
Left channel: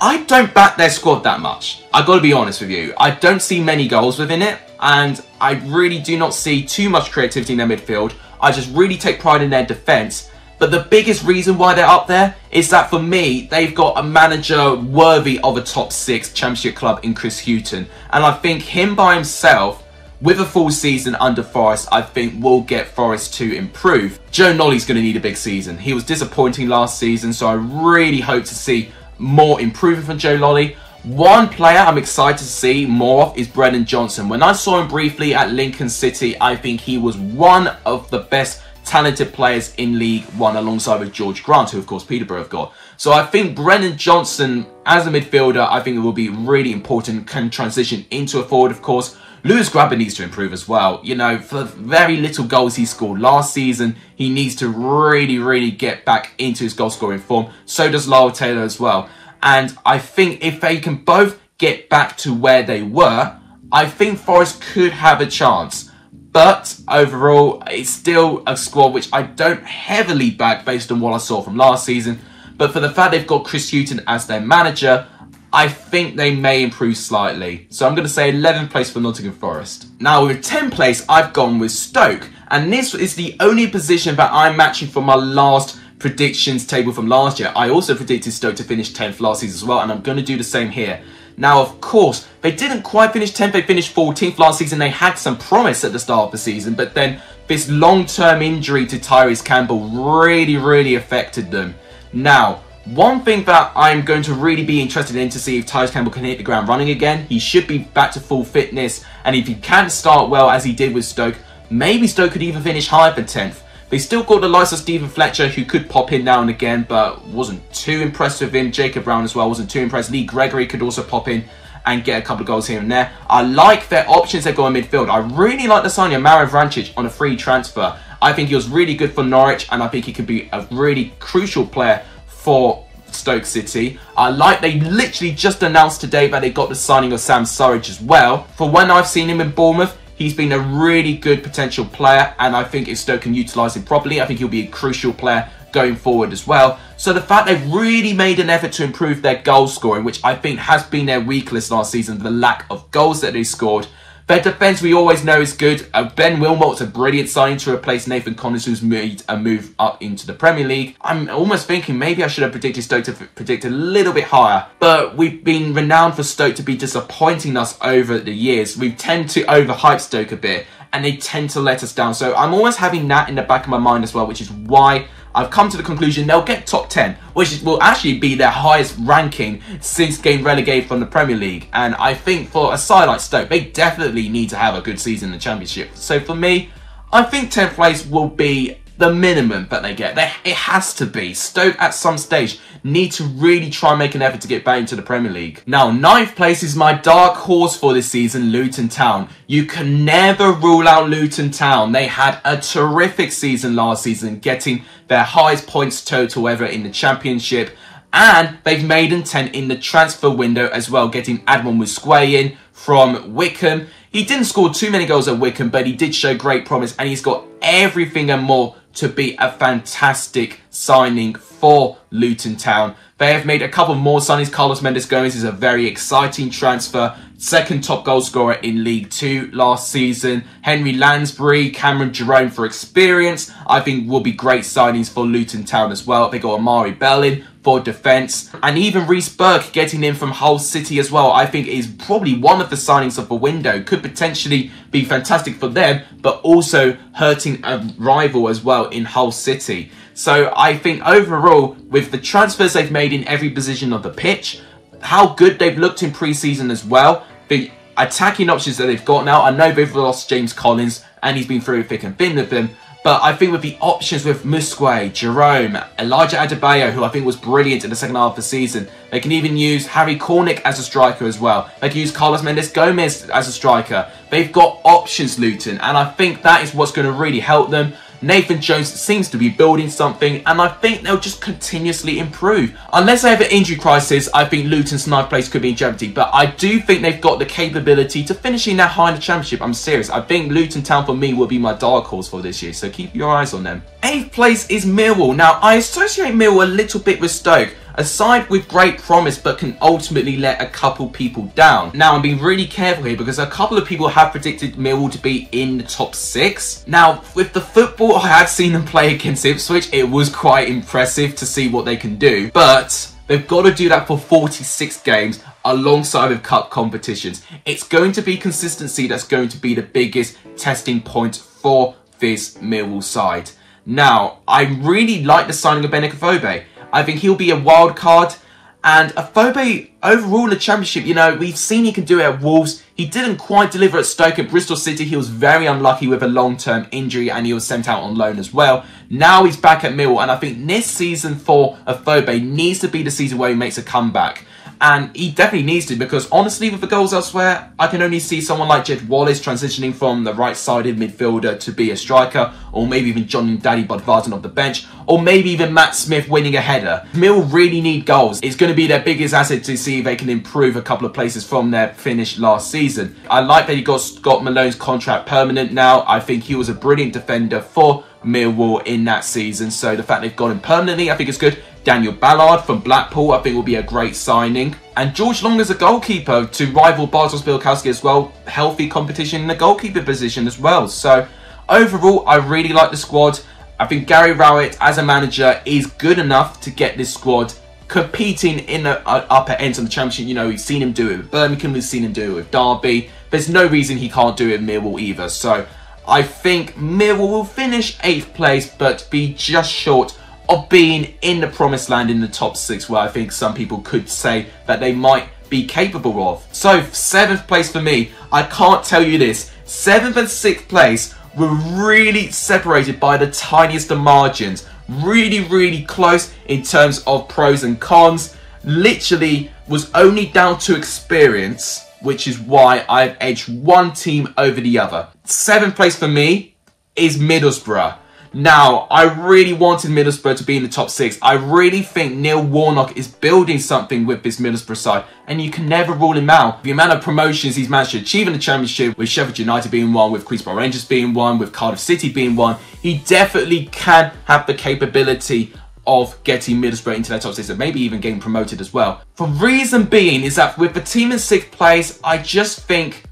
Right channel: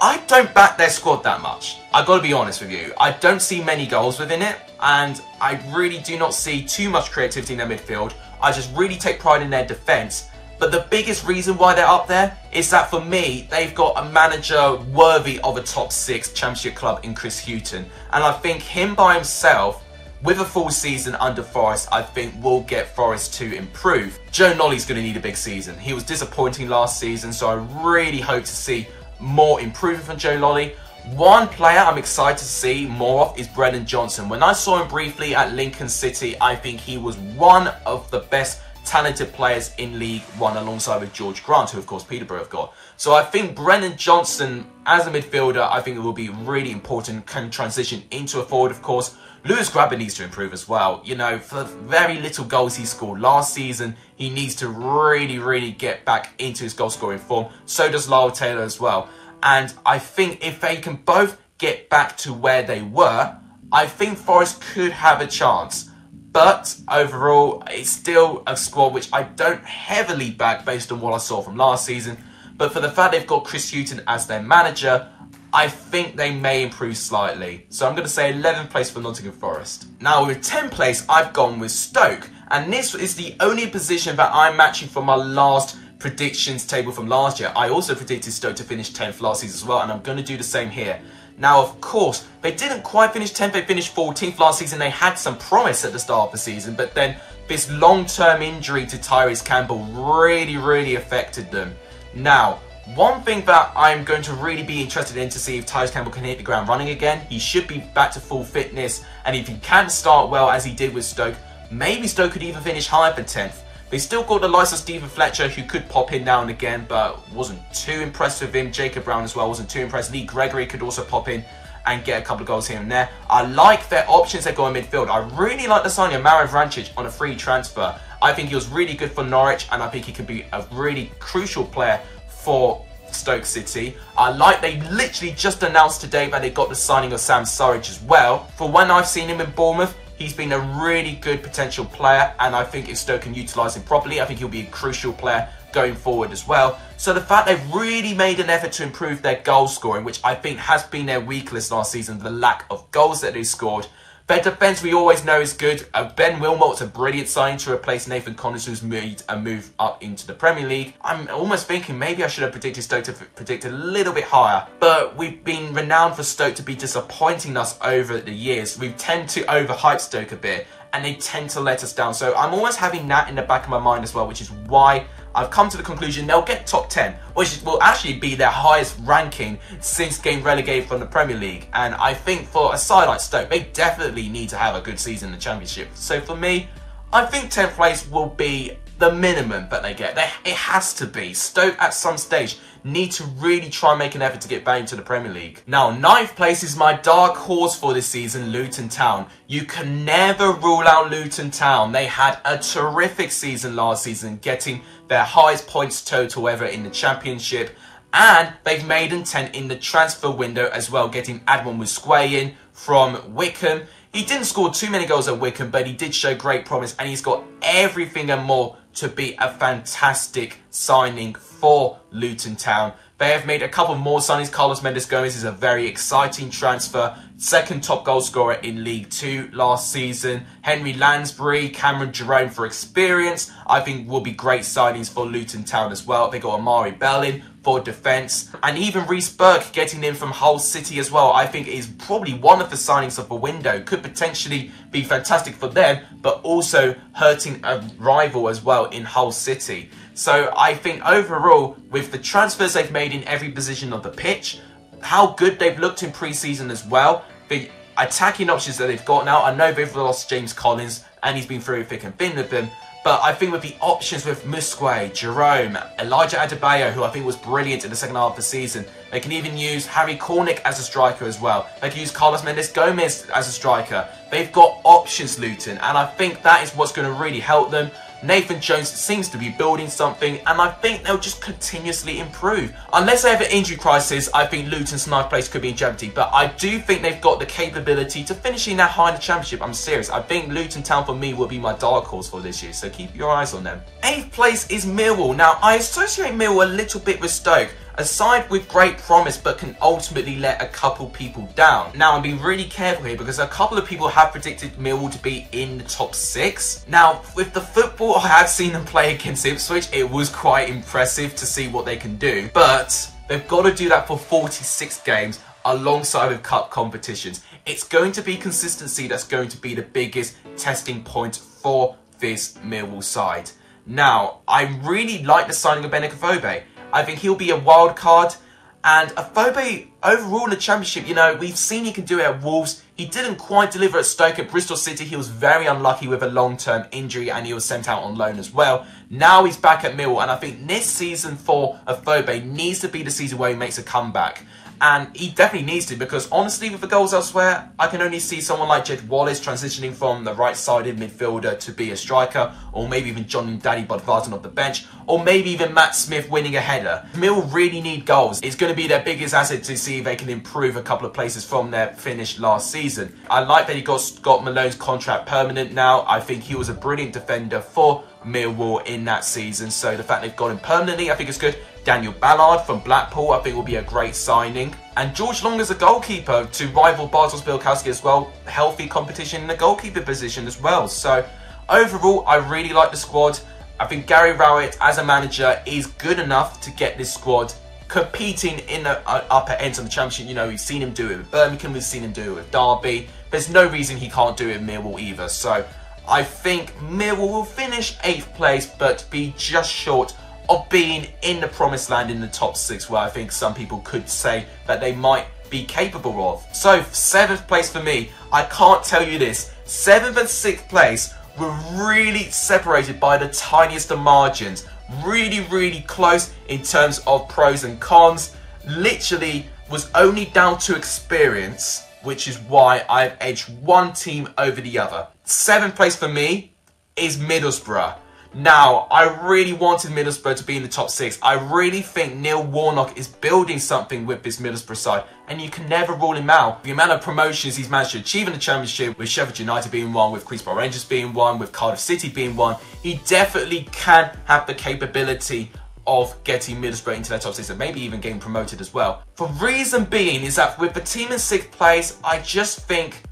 I don't back their squad that much. I've got to be honest with you. I don't see many goals within it, and I really do not see too much creativity in their midfield. I just really take pride in their defence. But the biggest reason why they're up there is that for me, they've got a manager worthy of a top 6 championship club in Chris Hughton. And I think him by himself, with a full season under Forest, I think will get Forest to improve. Joe Nolly's going to need a big season. He was disappointing last season, so I really hope to see more improvement from Joe Nolly. One player I'm excited to see more of is Brennan Johnson. When I saw him briefly at Lincoln City, I think he was one of the best talented players in League One alongside with George Grant, who of course Peterborough have got. So I think Brennan Johnson as a midfielder, I think it will be really important, can transition into a forward of course. Lewis Grabber needs to improve as well. You know, for the very little goals he scored last season, he needs to really get back into his goal scoring form. So does Lyle Taylor as well. And I think if they can both get back to where they were, I think Forest could have a chance. But overall, it's still a squad which I don't heavily back based on what I saw from last season. But for the fact they've got Chris Hughton as their manager, I think they may improve slightly. So I'm going to say 11th place for Nottingham Forest. Now with 10th place, I've gone with Stoke. And this is the only position that I'm matching for my last predictions table from last year. I also predicted Stoke to finish 10th last season as well. And I'm going to do the same here. Now, of course, they didn't quite finish 10th. They finished 14th last season. They had some promise at the start of the season. But then this long-term injury to Tyrese Campbell really affected them. Now, one thing that I'm going to really be interested in to see if Tyrese Campbell can hit the ground running again. He should be back to full fitness. And if he can start well as he did with Stoke, maybe Stoke could even finish higher than 10th. They still got the likes of Stephen Fletcher, who could pop in now and again, but wasn't too impressed with him. Jacob Brown as well wasn't too impressed. Lee Gregory could also pop in and get a couple of goals here and there. I like their options they've got in midfield. I really like the signing of Mario Vrancic on a free transfer. I think he was really good for Norwich, and I think he could be a really crucial player for Stoke City. I like they literally just announced today that they got the signing of Sam Surridge as well. For when I've seen him in Bournemouth, he's been a really good potential player, and I think if Stoke can utilise him properly, I think he'll be a crucial player going forward as well. So the fact they've really made an effort to improve their goal scoring, which I think has been their weakness last season, the lack of goals that they scored. Their defence we always know is good. Ben Wilmot's a brilliant signing to replace Nathan Collins, who's made a move up into the Premier League. I'm almost thinking maybe I should have predicted Stoke to predict a little bit higher. But we've been renowned for Stoke to be disappointing us over the years. We tend to overhype Stoke a bit, and they tend to let us down. So I'm always having that in the back of my mind as well, which is why I've come to the conclusion they'll get top 10, which will actually be their highest ranking since getting relegated from the Premier League. And I think for a side like Stoke, they definitely need to have a good season in the Championship. So for me, I think 10th place will be the minimum that they get. It has to be. Stoke at some stage need to really try and make an effort to get back into the Premier League. Now, 9th place is my dark horse for this season, Luton Town. You can never rule out Luton Town. They had a terrific season last season, getting their highest points total ever in the Championship. And they've made an 10 in the transfer window as well, getting Admon Musquay in from Wickham. He didn't score too many goals at Wickham, but he did show great promise, and he's got everything and more to be a fantastic signing for Luton Town. They have made a couple more signings. Carlos Mendes Gomez is a very exciting transfer. Second top goal scorer in League 2 last season. Henry Lansbury, Cameron Jerome for experience, I think will be great signings for Luton Town as well. They got Amari Bell in for defence. And even Reece Burke getting in from Hull City as well, I think is probably one of the signings of the window. Could potentially be fantastic for them, but also hurting a rival as well in Hull City. So I think overall, with the transfers they've made in every position of the pitch, how good they've looked in pre-season as well, the attacking options that they've got now. I know they've lost James Collins, and he's been through thick and thin with them. But I think with the options with Musquay, Jerome, Elijah Adebayo, who I think was brilliant in the second half of the season. They can even use Harry Cornick as a striker as well. They can use Carlos Mendes Gomez as a striker. They've got options, Luton, and I think that is what's going to really help them. Nathan Jones seems to be building something, and I think they'll just continuously improve. Unless they have an injury crisis, I think Luton's 9th place could be in jeopardy, but I do think they've got the capability to finishing that high in the Championship. I'm serious. I think Luton Town for me will be my dark horse for this year, so keep your eyes on them. 8th place is Millwall. Now, I associate Millwall a little bit with Stoke. A side with great promise, but can ultimately let a couple people down. Now, I'm being really careful here because a couple of people have predicted Millwall to be in the top 6. Now, with the football I have seen them play against Ipswich, it was quite impressive to see what they can do. But they've got to do that for 46 games alongside with cup competitions. It's going to be consistency that's going to be the biggest testing point for this Millwall side. Now, I really like the signing of Benik Afobe. I think he'll be a wild card. And Afobe, overall in the Championship, you know, we've seen he can do it at Wolves. He didn't quite deliver at Stoke. At Bristol City, he was very unlucky with a long-term injury, and he was sent out on loan as well. Now he's back at Millwall, and I think this season for Afobe needs to be the season where he makes a comeback. And he definitely needs to, because honestly, with the goals elsewhere, I can only see someone like Jed Wallace transitioning from the right-sided midfielder to be a striker, or maybe even John Daddy Bodvarsson off the bench, or maybe even Matt Smith winning a header. Mill really need goals. It's going to be their biggest asset to see if they can improve a couple of places from their finish last season. I like that he got Scott Malone's contract permanent now. I think he was a brilliant defender for Millwall in that season, so the fact they've got him permanently, I think it's good. Daniel Ballard from Blackpool, I think will be a great signing. And George Long as a goalkeeper to rival Bartosz Białkowski as well. Healthy competition in the goalkeeper position as well. So overall, I really like the squad. I think Gary Rowett as a manager is good enough to get this squad competing in the upper ends of the Championship. You know, we've seen him do it with Birmingham, we've seen him do it with Derby. There's no reason he can't do it with Millwall either. So I think Millwall will finish 8th place, but be just short of being in the promised land in the top 6, where I think some people could say that they might be capable of. So 7th place for me, I can't tell you this, 7th and 6th place were really separated by the tiniest of margins. Really close in terms of pros and cons. Literally was only down to experience, which is why I've edged one team over the other. 7th place for me is Middlesbrough. Now, I really wanted Middlesbrough to be in the top 6. I really think Neil Warnock is building something with this Middlesbrough side, and you can never rule him out. The amount of promotions he's managed to achieve in the Championship, with Sheffield United being one, with Queens Park Rangers being one, with Cardiff City being one, he definitely can have the capability of getting Middlesbrough into that top 6 and maybe even getting promoted as well. The reason being is that with the team in 6th place, I just think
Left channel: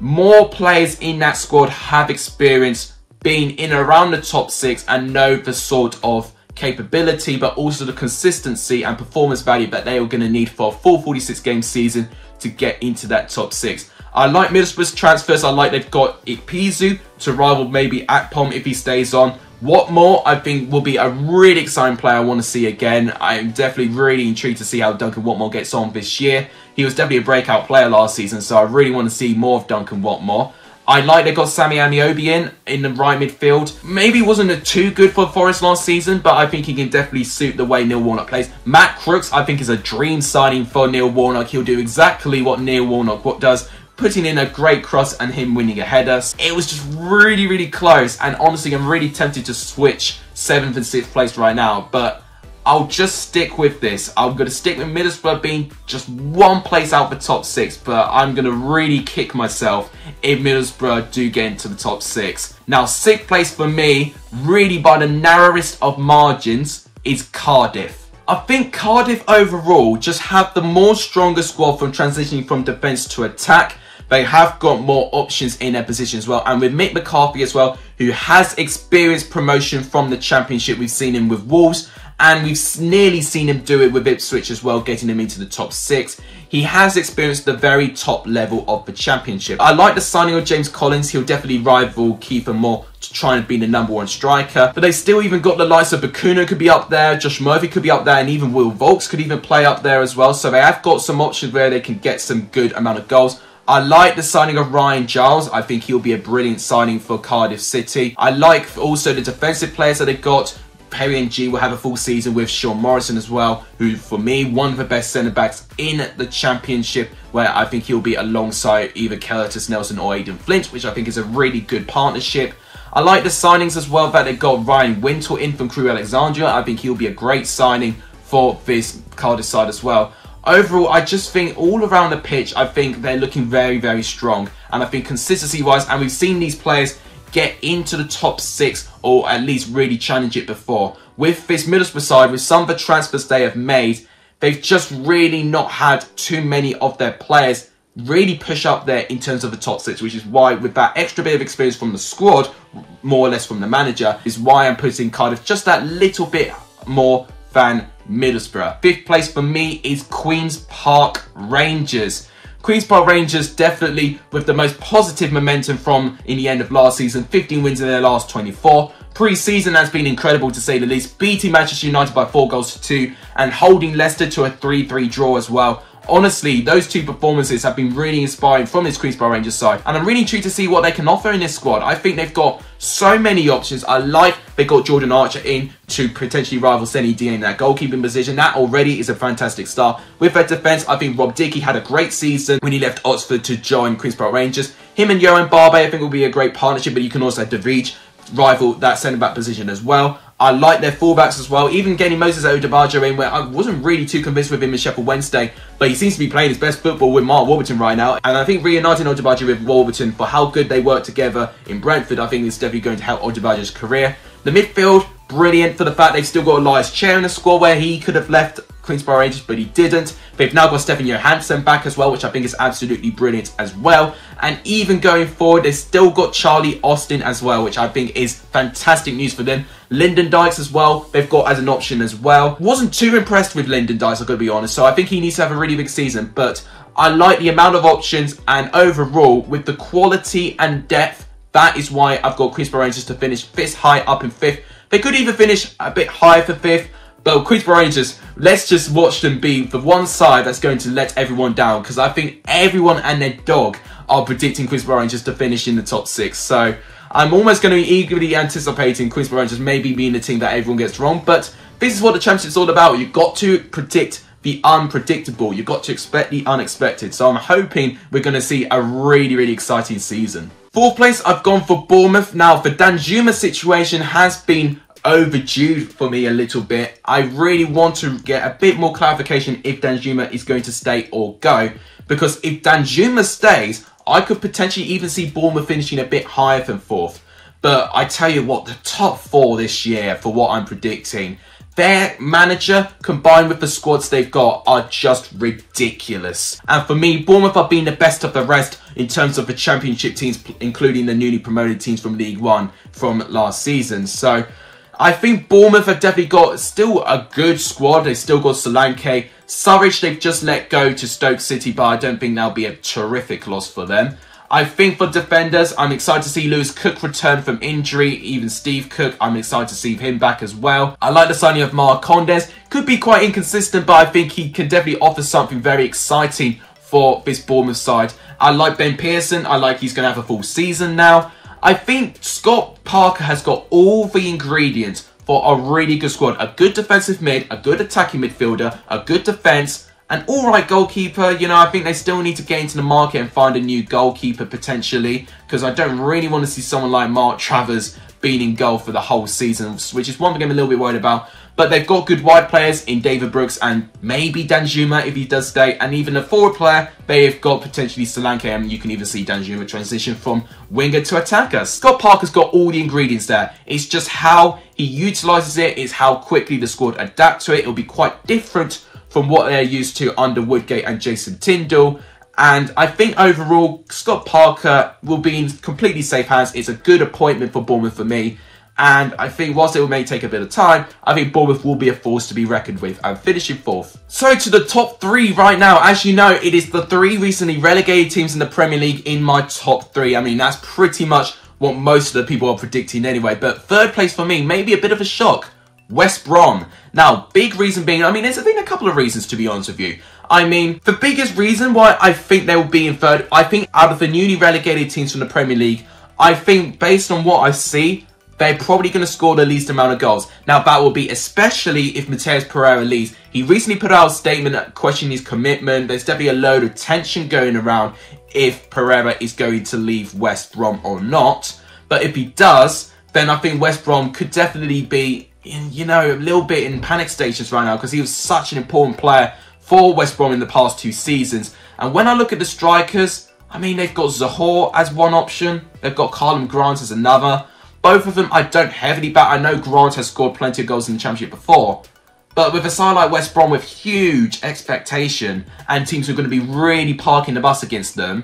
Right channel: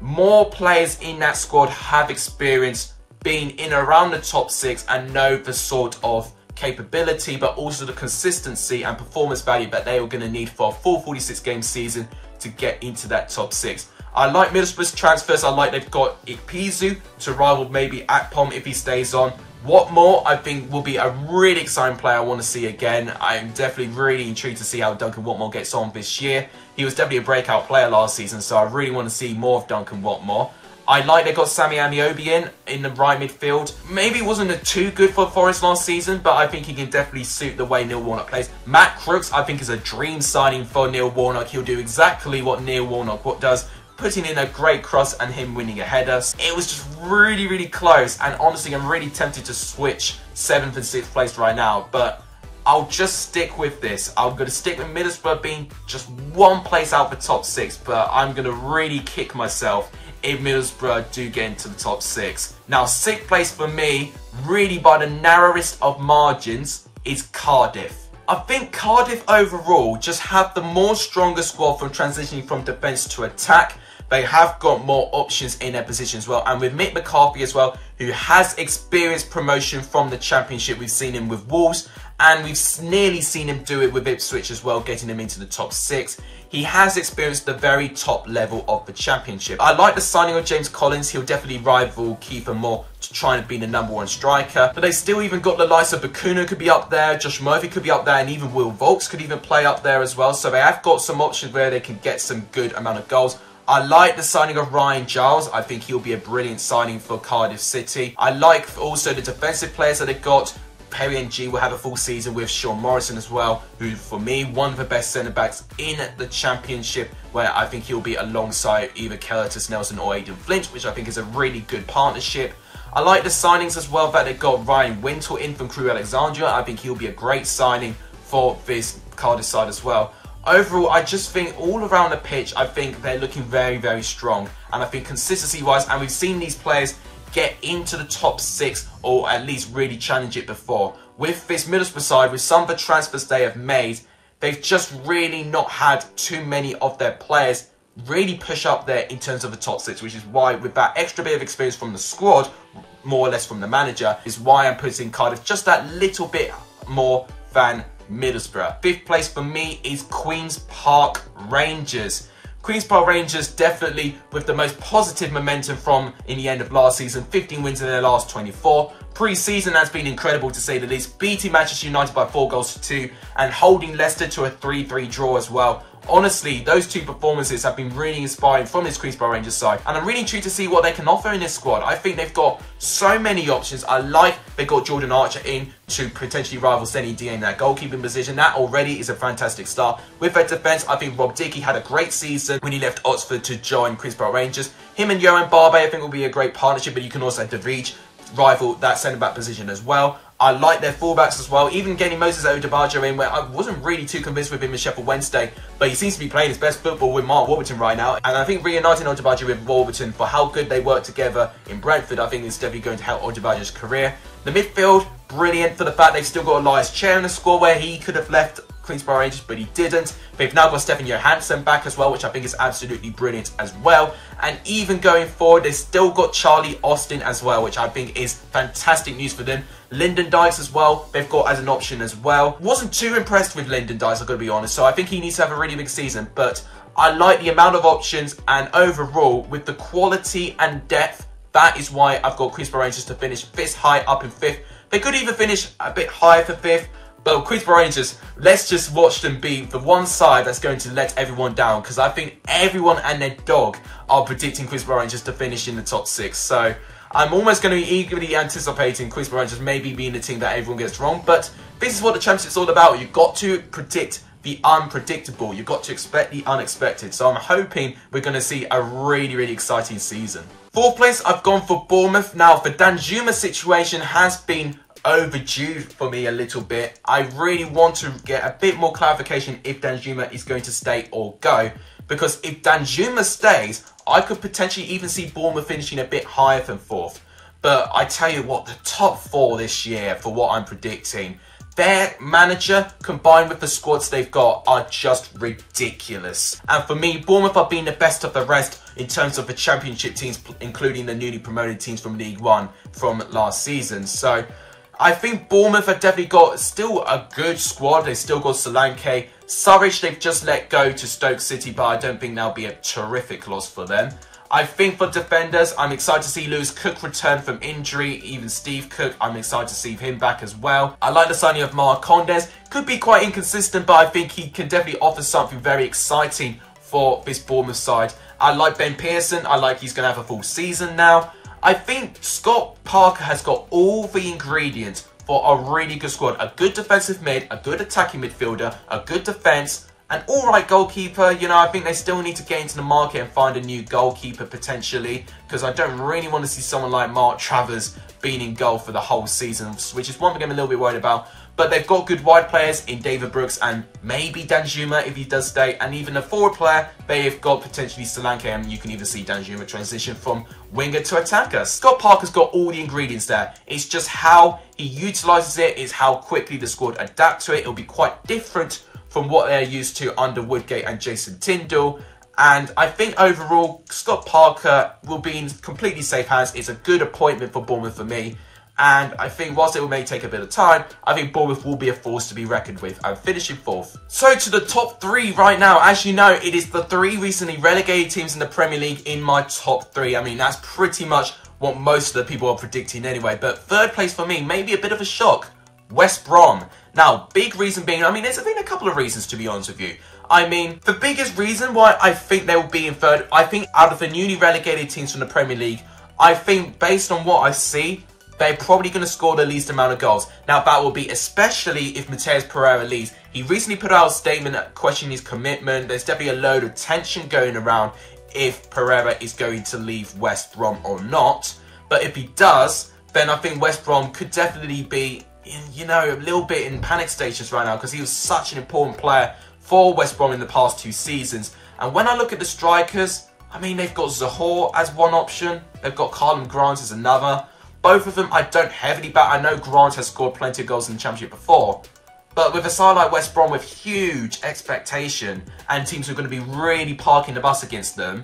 more players in that squad have experience being in around the top 6 and know the sort of capability, but also the consistency and performance value that they are going to need for a full 46-game season to get into that top 6. I like Middlesbrough's transfers. I like they've got Ikpeazu to rival maybe Akpom if he stays on. Watmore, I think, will be a really exciting player I want to see again. I'm definitely really intrigued to see how Duncan Watmore gets on this year. He was definitely a breakout player last season, so I really want to see more of Duncan Watmore. I like they got Sammy Amiobi in the right midfield. Maybe wasn't too good for Forest last season, but I think he can definitely suit the way Neil Warnock plays. Matt Crooks, I think, is a dream signing for Neil Warnock. He'll do exactly what Neil Warnock does, putting in a great cross and him winning a header. It was just really close, and honestly, I'm really tempted to switch 7th and 6th place right now, but I'll just stick with this. I'm going to stick with Middlesbrough being just one place out the top 6, but I'm going to really kick myself if Middlesbrough do get into the top 6. Now, 6th place for me, really by the narrowest of margins, is Cardiff. I think Cardiff overall just have the more stronger squad from transitioning from defence to attack. They have got more options in their position as well. And with Mick McCarthy as well, who has experienced promotion from the Championship. We've seen him with Wolves, and we've nearly seen him do it with Ipswich as well, getting him into the top 6. He has experienced the very top level of the Championship. I like the signing of James Collins. He'll definitely rival Kiefer Moore to try and be the #1 striker. But they still even got the likes of Bakuna could be up there, Josh Murphy could be up there, and even Will Vaulks could even play up there as well. So they have got some options where they can get some good amount of goals. I like the signing of Ryan Giles. I think he'll be a brilliant signing for Cardiff City. I like also the defensive players that they got. Perry Ng will have a full season with Sean Morrison as well, who for me, one of the best centre-backs in the Championship, where I think he'll be alongside either Curtis Nelson or Aidan Flint, which I think is a really good partnership. I like the signings as well that they got Ryan Wintle in from Crewe Alexandria. I think he'll be a great signing for this Cardiff side as well. Overall, I just think all around the pitch, I think they're looking very strong. And I think consistency-wise, and we've seen these players get into the top 6 or at least really challenge it before. With this Middlesbrough side, with some of the transfers they have made, they've just really not had too many of their players really push up there in terms of the top 6, which is why with that extra bit of experience from the squad, more or less from the manager, is why I'm putting Cardiff just that little bit more than Middlesbrough. 5th place for me is Queens Park Rangers. Queens Park Rangers definitely with the most positive momentum from in the end of last season. 15 wins in their last 24. pre-season has been incredible to say the least, beating Manchester United by 4-2 and holding Leicester to a 3-3 draw as well. Honestly, those two performances have been really inspiring from this Queens Park Rangers side, and I'm really intrigued to see what they can offer in this squad. I think they've got so many options. I like they got Jordan Archer in to potentially rival Seny Dieng in that goalkeeping position. That already is a fantastic start. With their defence, I think Rob Dickie had a great season when he left Oxford to join Queens Park Rangers. Him and Johan Barbe, I think, will be a great partnership, but you can also have De Vrij rival that centre-back position as well. I like their fullbacks as well, even getting Moses Odubajo in, where I wasn't really too convinced with him in Sheffield Wednesday, but he seems to be playing his best football with Mark Warburton right now, and I think reuniting Odubajo with Warburton for how good they work together in Brentford, I think is definitely going to help Odubajo's career. The midfield, brilliant for the fact they've still got Elias Chair in the squad, where he could have left Queens Park Rangers, but he didn't. They've now got Stefan Johansson back as well, which I think is absolutely brilliant as well. And even going forward, they've still got Charlie Austin as well, which I think is fantastic news for them. Lyndon Dykes as well, they've got as an option as well. Wasn't too impressed with Lyndon Dykes, I've got to be honest, so I think he needs to have a really big season. But I like the amount of options, and overall, with the quality and depth, that is why I've got Queens Park Rangers to finish this high up in 5th. They could even finish a bit higher for 5th. But Queens Park Rangers, let's just watch them be the one side that's going to let everyone down, because I think everyone and their dog are predicting Queens Park Rangers to finish in the top 6. So I'm almost going to be eagerly anticipating Queens Park Rangers maybe being the team that everyone gets wrong. But this is what the Championship is all about. You've got to predict the unpredictable. You've got to expect the unexpected. So I'm hoping we're going to see a really, really exciting season. 4th place, I've gone for Bournemouth. Now, the Danjuma situation has been overdue for me a little bit. I really want to get a bit more clarification if Danjuma is going to stay or go, because if Danjuma stays, I could potentially even see Bournemouth finishing a bit higher than 4th. But I tell you what, the top 4 this year, for what I'm predicting, their manager combined with the squads they've got are just ridiculous. And for me, Bournemouth are being the best of the rest in terms of the Championship teams, including the newly promoted teams from League One from last season. So I think Bournemouth have definitely got still a good squad. They've still got Solanke. Surridge, they've just let go to Stoke City, but I don't think that'll be a terrific loss for them. I think for defenders, I'm excited to see Lewis Cook return from injury. Even Steve Cook, I'm excited to see him back as well. I like the signing of Marc Condes. Could be quite inconsistent, but I think he can definitely offer something very exciting for this Bournemouth side. I like Ben Pearson. I like he's going to have a full season now. I think Scott Parker has got all the ingredients for a really good squad. A good defensive mid, a good attacking midfielder, a good defence, an alright goalkeeper. You know, I think they still need to get into the market and find a new goalkeeper potentially, because I don't really want to see someone like Mark Travers being in goal for the whole season, which is one thing I'm a little bit worried about. But they've got good wide players in David Brooks and maybe Danjuma if he does stay. And even a forward player, they've got potentially Solanke, and you can even see Danjuma transition from winger to attacker. Scott Parker's got all the ingredients there. It's just how he utilises it, it's how quickly the squad adapt to it. It'll be quite different from what they're used to under Woodgate and Jason Tindall. And I think overall, Scott Parker will be in completely safe hands. It's a good appointment for Bournemouth for me. And I think whilst it may take a bit of time, I think Bournemouth will be a force to be reckoned with and finishing 4th. So to the top 3 right now, as you know, it is the 3 recently relegated teams in the Premier League in my top 3. I mean, that's pretty much what most of the people are predicting anyway. But 3rd place for me, maybe a bit of a shock. West Brom. Now, big reason being, I mean, there's been a couple of reasons to be honest with you. I mean, the biggest reason why I think they will be in 3rd, I think out of the newly relegated teams from the Premier League, I think based on what I see, they're probably going to score the least amount of goals. Now, that will be especially if Matheus Pereira leaves. He recently put out a statement questioning his commitment. There's definitely a load of tension going around if Pereira is going to leave West Brom or not. But if he does, then I think West Brom could definitely be, you know, a little bit in panic stages right now, because he was such an important player for West Brom in the past 2 seasons. And when I look at the strikers, I mean, they've got Zohore as one option. They've got Karlan Grant as another. Both of them I don't heavily back. I know Grant has scored plenty of goals in the Championship before. But with a side like West Brom with huge expectation and teams who are going to be really parking the bus against them,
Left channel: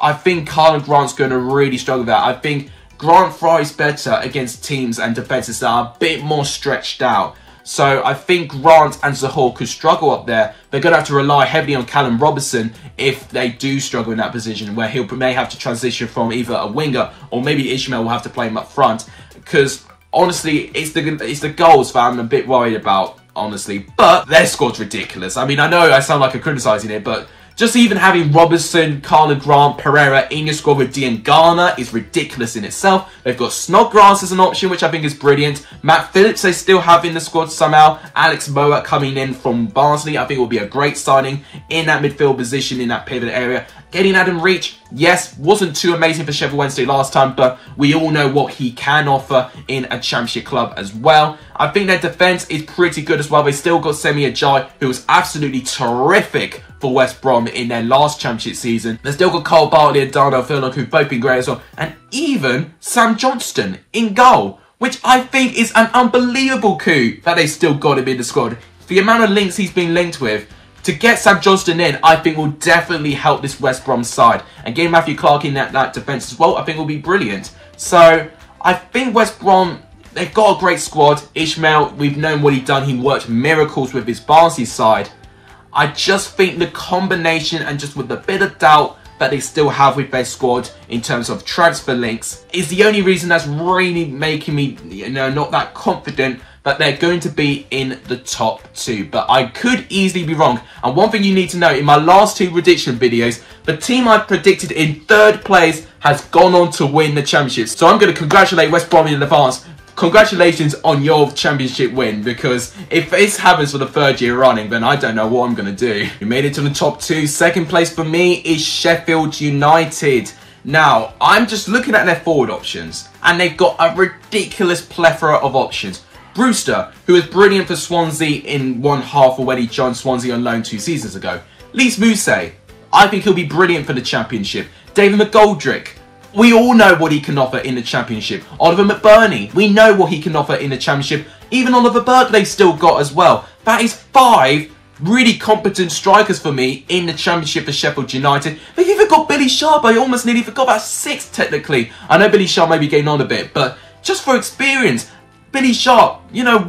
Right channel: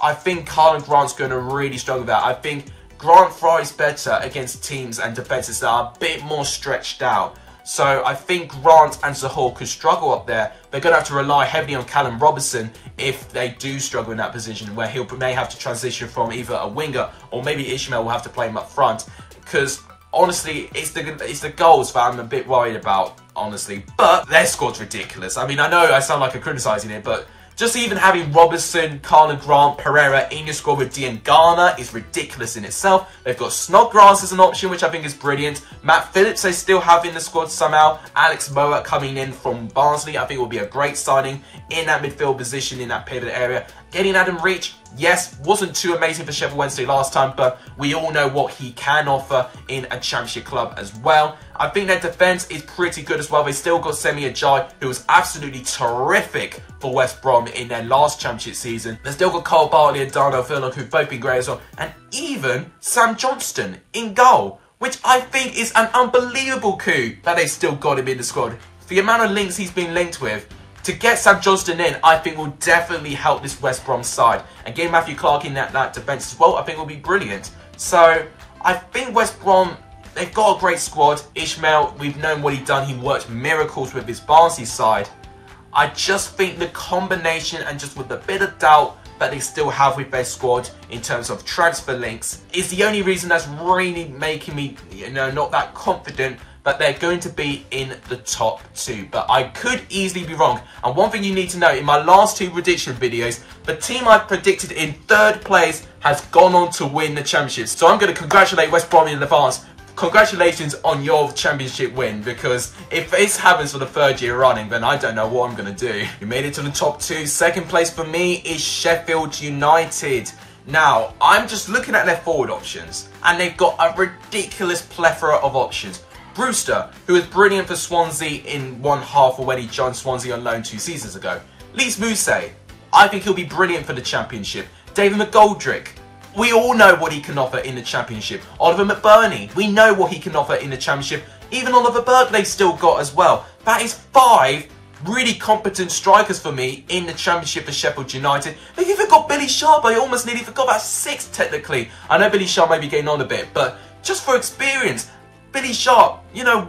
I think Karlan Grant's going to really struggle with that. I think Grant thrives better against teams and defences that are a bit more stretched out. So I think Grant and Zohore could struggle up there. They're going to have to rely heavily on Callum Robinson if they do struggle in that position, where he may have to transition from either a winger or maybe Ishmael will have to play him up front. Because honestly, it's the goals that I'm a bit worried about, honestly. But their squad's ridiculous. I mean, I know I sound like I'm criticising it, but just even having Robertson, Carla Grant, Pereira in your squad with Diangana is ridiculous in itself. They've got Snodgrass as an option, which I think is brilliant. Matt Phillips they still have in the squad somehow. Alex Moa coming in from Barnsley, I think will be a great signing in that midfield position, in that pivot area. Getting Adam Reach, yes, wasn't too amazing for Sheffield Wednesday last time, but we all know what he can offer in a championship club as well. I think their defence is pretty good as well. They still got Semi Ajayi, who was absolutely terrific for West Brom in their last championship season. They've still got Cole Bartley and Darnell Furlong, who've both been great as well. And even Sam Johnston in goal, which I think is an unbelievable coup that they still got him in the squad. For the amount of links he's been linked with, to get Sam Johnston in, I think will definitely help this West Brom side. And getting Matthew Clark in that defence as well, I think will be brilliant. So, I think West Brom, they've got a great squad. Ishmael, we've known what he's done. He worked miracles with his Barnsley side. I just think the combination and just with the bit of doubt that they still have with their squad in terms of transfer links is the only reason that's really making me, not that confident that they're going to be in the top 2. But I could easily be wrong. And one thing you need to know, in my last 2 prediction videos, the team I predicted in 3rd place has gone on to win the championship. So I'm going to congratulate West Brom in advance. Congratulations on your championship win, because if this happens for the 3rd year running, then I don't know what I'm going to do. We made it to the top 2. 2nd place for me is Sheffield United. Now, I'm just looking at their forward options, and they've got a ridiculous plethora of options. Brewster, who was brilliant for Swansea in one half of when he joined Swansea on loan 2 seasons ago. Lys Mousset, I think he'll be brilliant for the championship. David McGoldrick, we all know what he can offer in the championship. Oliver McBurney, we know what he can offer in the championship. Even Oliver Burke they've still got as well. That is 5 really competent strikers for me in the championship for Sheffield United. They've even got Billy Sharp. I almost nearly forgot about 6 technically. I know Billy Sharp may be getting on a bit, but just for experience, Billy Sharp,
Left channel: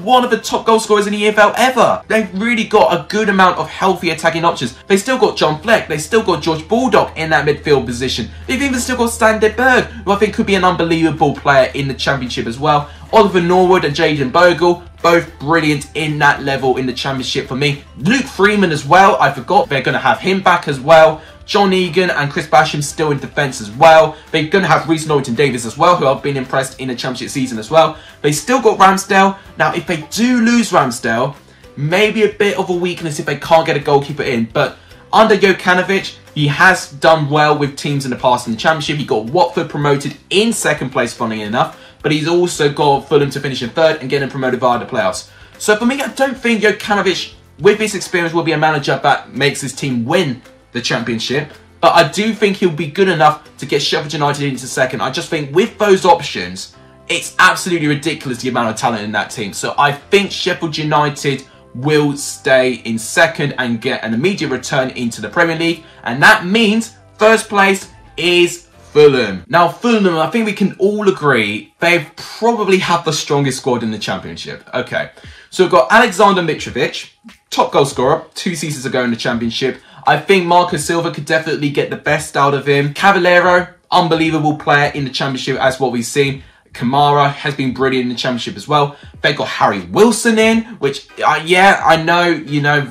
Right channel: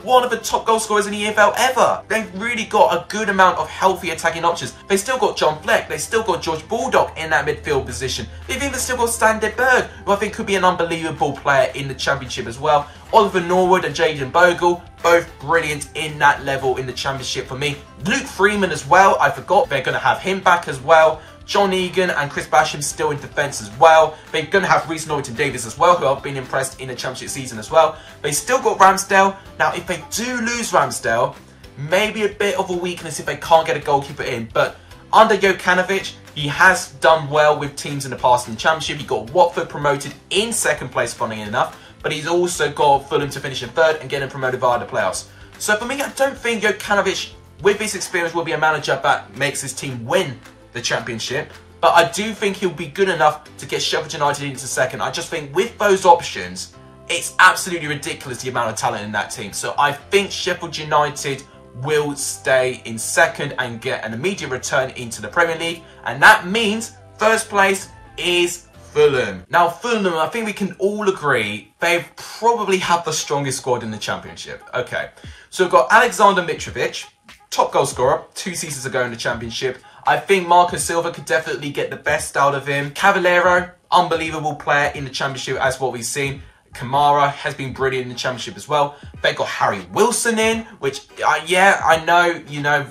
one of the top goal scorers in the EFL ever. They've really got a good amount of healthy attacking options. They still got John Fleck. They still got George Baldock in that midfield position. They've even still got Stan de Berg, who I think could be an unbelievable player in the championship as well. Oliver Norwood and Jayden Bogle, both brilliant in that level in the championship for me. Luke Freeman as well. I forgot they're going to have him back as well. John Egan and Chris Basham still in defence as well. They're going to have Reece Norrington-Davies as well, who I've been impressed in the championship season as well. They still got Ramsdale. Now, if they do lose Ramsdale, maybe a bit of a weakness if they can't get a goalkeeper in. But under Jokanovic, he has done well with teams in the past in the championship. He got Watford promoted in 2nd place, funnily enough. But he's also got Fulham to finish in 3rd and getting promoted via the playoffs. So for me, I don't think Jokanovic, with his experience, will be a manager that makes his team win the championship, but I do think he'll be good enough to get Sheffield United into 2nd. I just think with those options, it's absolutely ridiculous the amount of talent in that team. So I think Sheffield United will stay in 2nd and get an immediate return into the Premier League, and that means 1st place is Fulham. Now Fulham, I think we can all agree they probably have the strongest squad in the championship. Okay, so we've got Alexander Mitrovic, top goal scorer 2 seasons ago in the championship. I think Marco Silva could definitely get the best out of him. Cavallero, unbelievable player in the championship as what we've seen. Kamara has been brilliant in the championship as well. They've got Harry Wilson in, which, yeah, I know,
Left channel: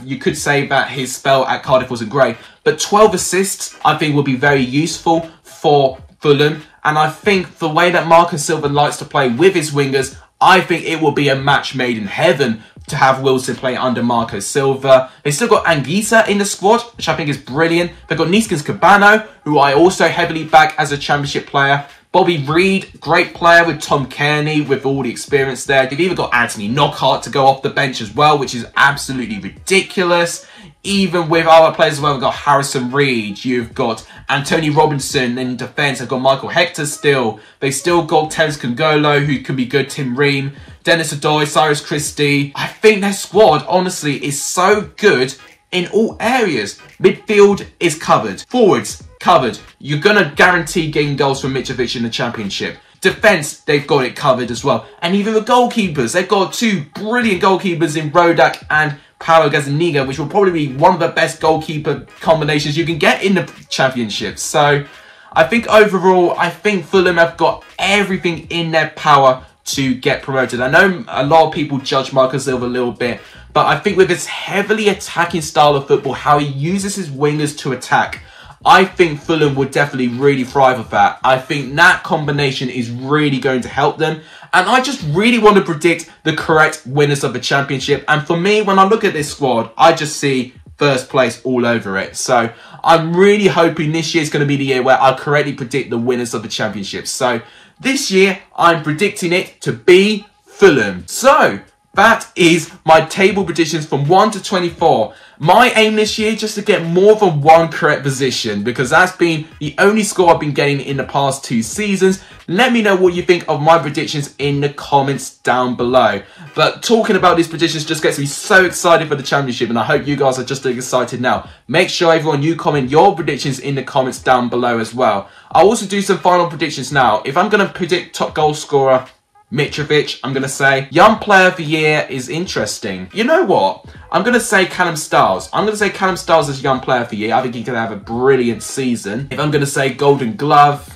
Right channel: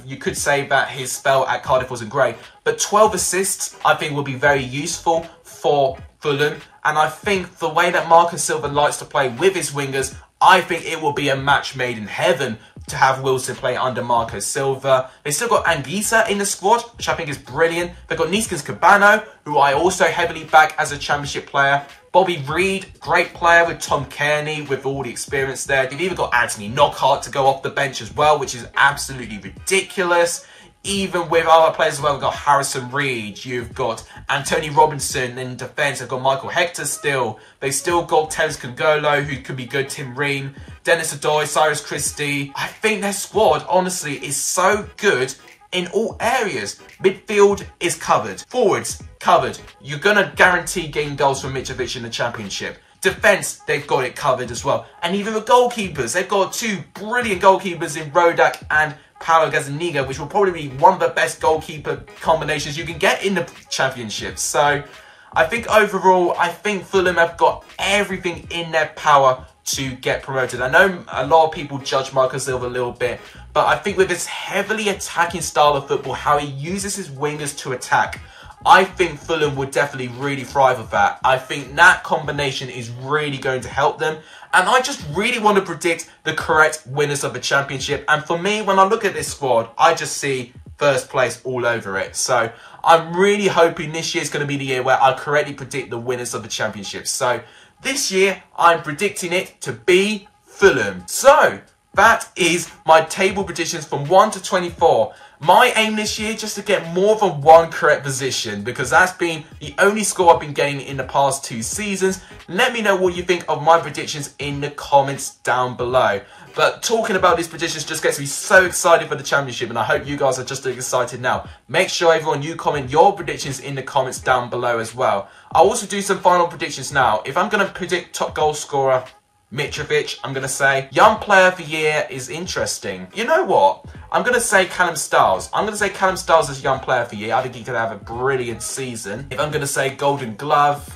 you could say that his spell at Cardiff wasn't great. But 12 assists, I think, will be very useful for Fulham. And I think the way that Marco Silva likes to play with his wingers, I think it will be a match made in heaven to have Wilson play under Marco Silva. They still got Anguissa in the squad, which I think is brilliant. They've got Neeskens Cabano, who I also heavily back as a championship player. Bobby Reed, great player with Tom Kearney, with all the experience there. They've even got Anthony Knockhart to go off the bench as well, which is absolutely ridiculous. Even with other players as well, we've got Harrison Reed, you've got Antonio Robinson in defence, they've got Michael Hector still. They've still got Terence Kongolo, who can be good, Tim Ream, Dennis Adoy, Cyrus Christie. I think their squad, honestly, is so good in all areas. Midfield is covered. Forwards, covered. You're going to guarantee getting goals from Mitrovic in the championship. Defence, they've got it covered as well. And even the goalkeepers, they've got 2 brilliant goalkeepers in Rodak and Paulo Gazzaniga, which will probably be one of the best goalkeeper combinations you can get in the championship. So I think overall, I think Fulham have got everything in their power to get promoted. I know a lot of people judge Marco Silva a little bit, but I think with his heavily attacking style of football, how he uses his wingers to attack, I think Fulham would definitely really thrive with that. I think that combination is really going to help them. And I just really want to predict the correct winners of the championship. And for me, when I look at this squad, I just see first place all over it. So I'm really hoping this year is going to be the year where I correctly predict the winners of the championship. So this year, I'm predicting it to be Fulham. So that is my table predictions from 1 to 24. My aim this year just to get more than one correct position, because that's been the only score I've been getting in the past 2 seasons. Let me know what you think of my predictions in the comments down below. But talking about these predictions just gets me so excited for the championship, and I hope you guys are just as excited now. Make sure everyone you comment your predictions in the comments down below as well. I'll also do some final predictions now. If I'm going to predict top goal scorer, Mitrovic, I'm going to say young player of the year is interesting. You know what? I'm going to say Callum Styles. I'm going to say Callum Styles as young player of the year. I think he could have a brilliant season. If I'm going to say Golden Glove,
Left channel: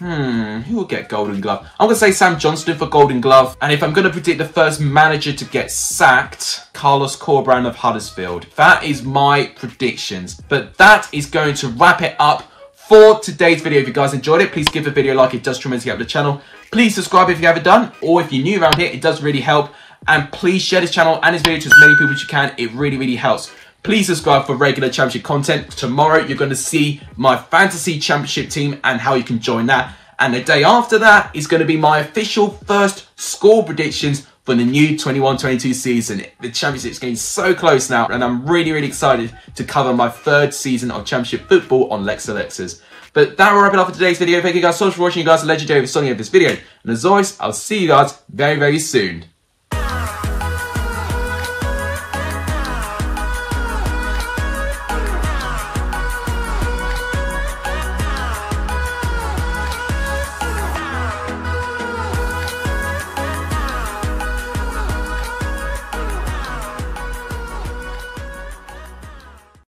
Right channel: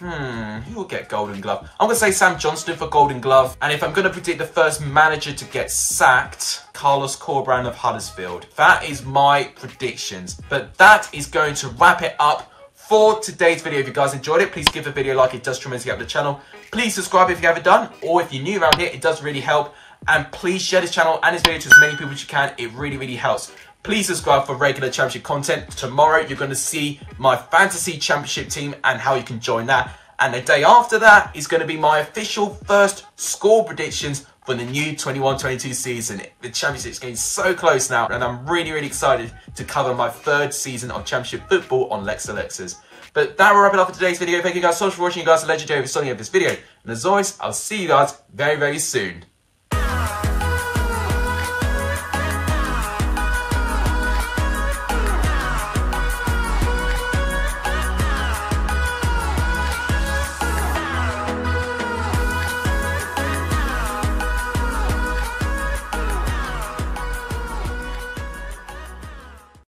who will get Golden Glove? I'm going to say Sam Johnston for Golden Glove. And if I'm going to predict the first manager to get sacked, Carlos Corberán of Huddersfield. That is my predictions. But that is going to wrap it up for today's video. If you guys enjoyed it, please give the video a like. It does tremendously help the channel. Please subscribe if you haven't done, or if you're new around here, it does really help. And please share this channel and this video to as many people as you can. It really, really helps. Please subscribe for regular championship content. Tomorrow, you're going to see my fantasy championship team and how you can join that. And the day after that is going to be my official first score predictions for the new 21-22 season. The championship is getting so close now, and I'm really, really excited to cover my 3rd season of championship football on Lex Alexas. But that will wrap it up for today's video. Thank you guys so much for watching. You guys are legendary with Sonny of this video. And as always, I'll see you guys very, very soon.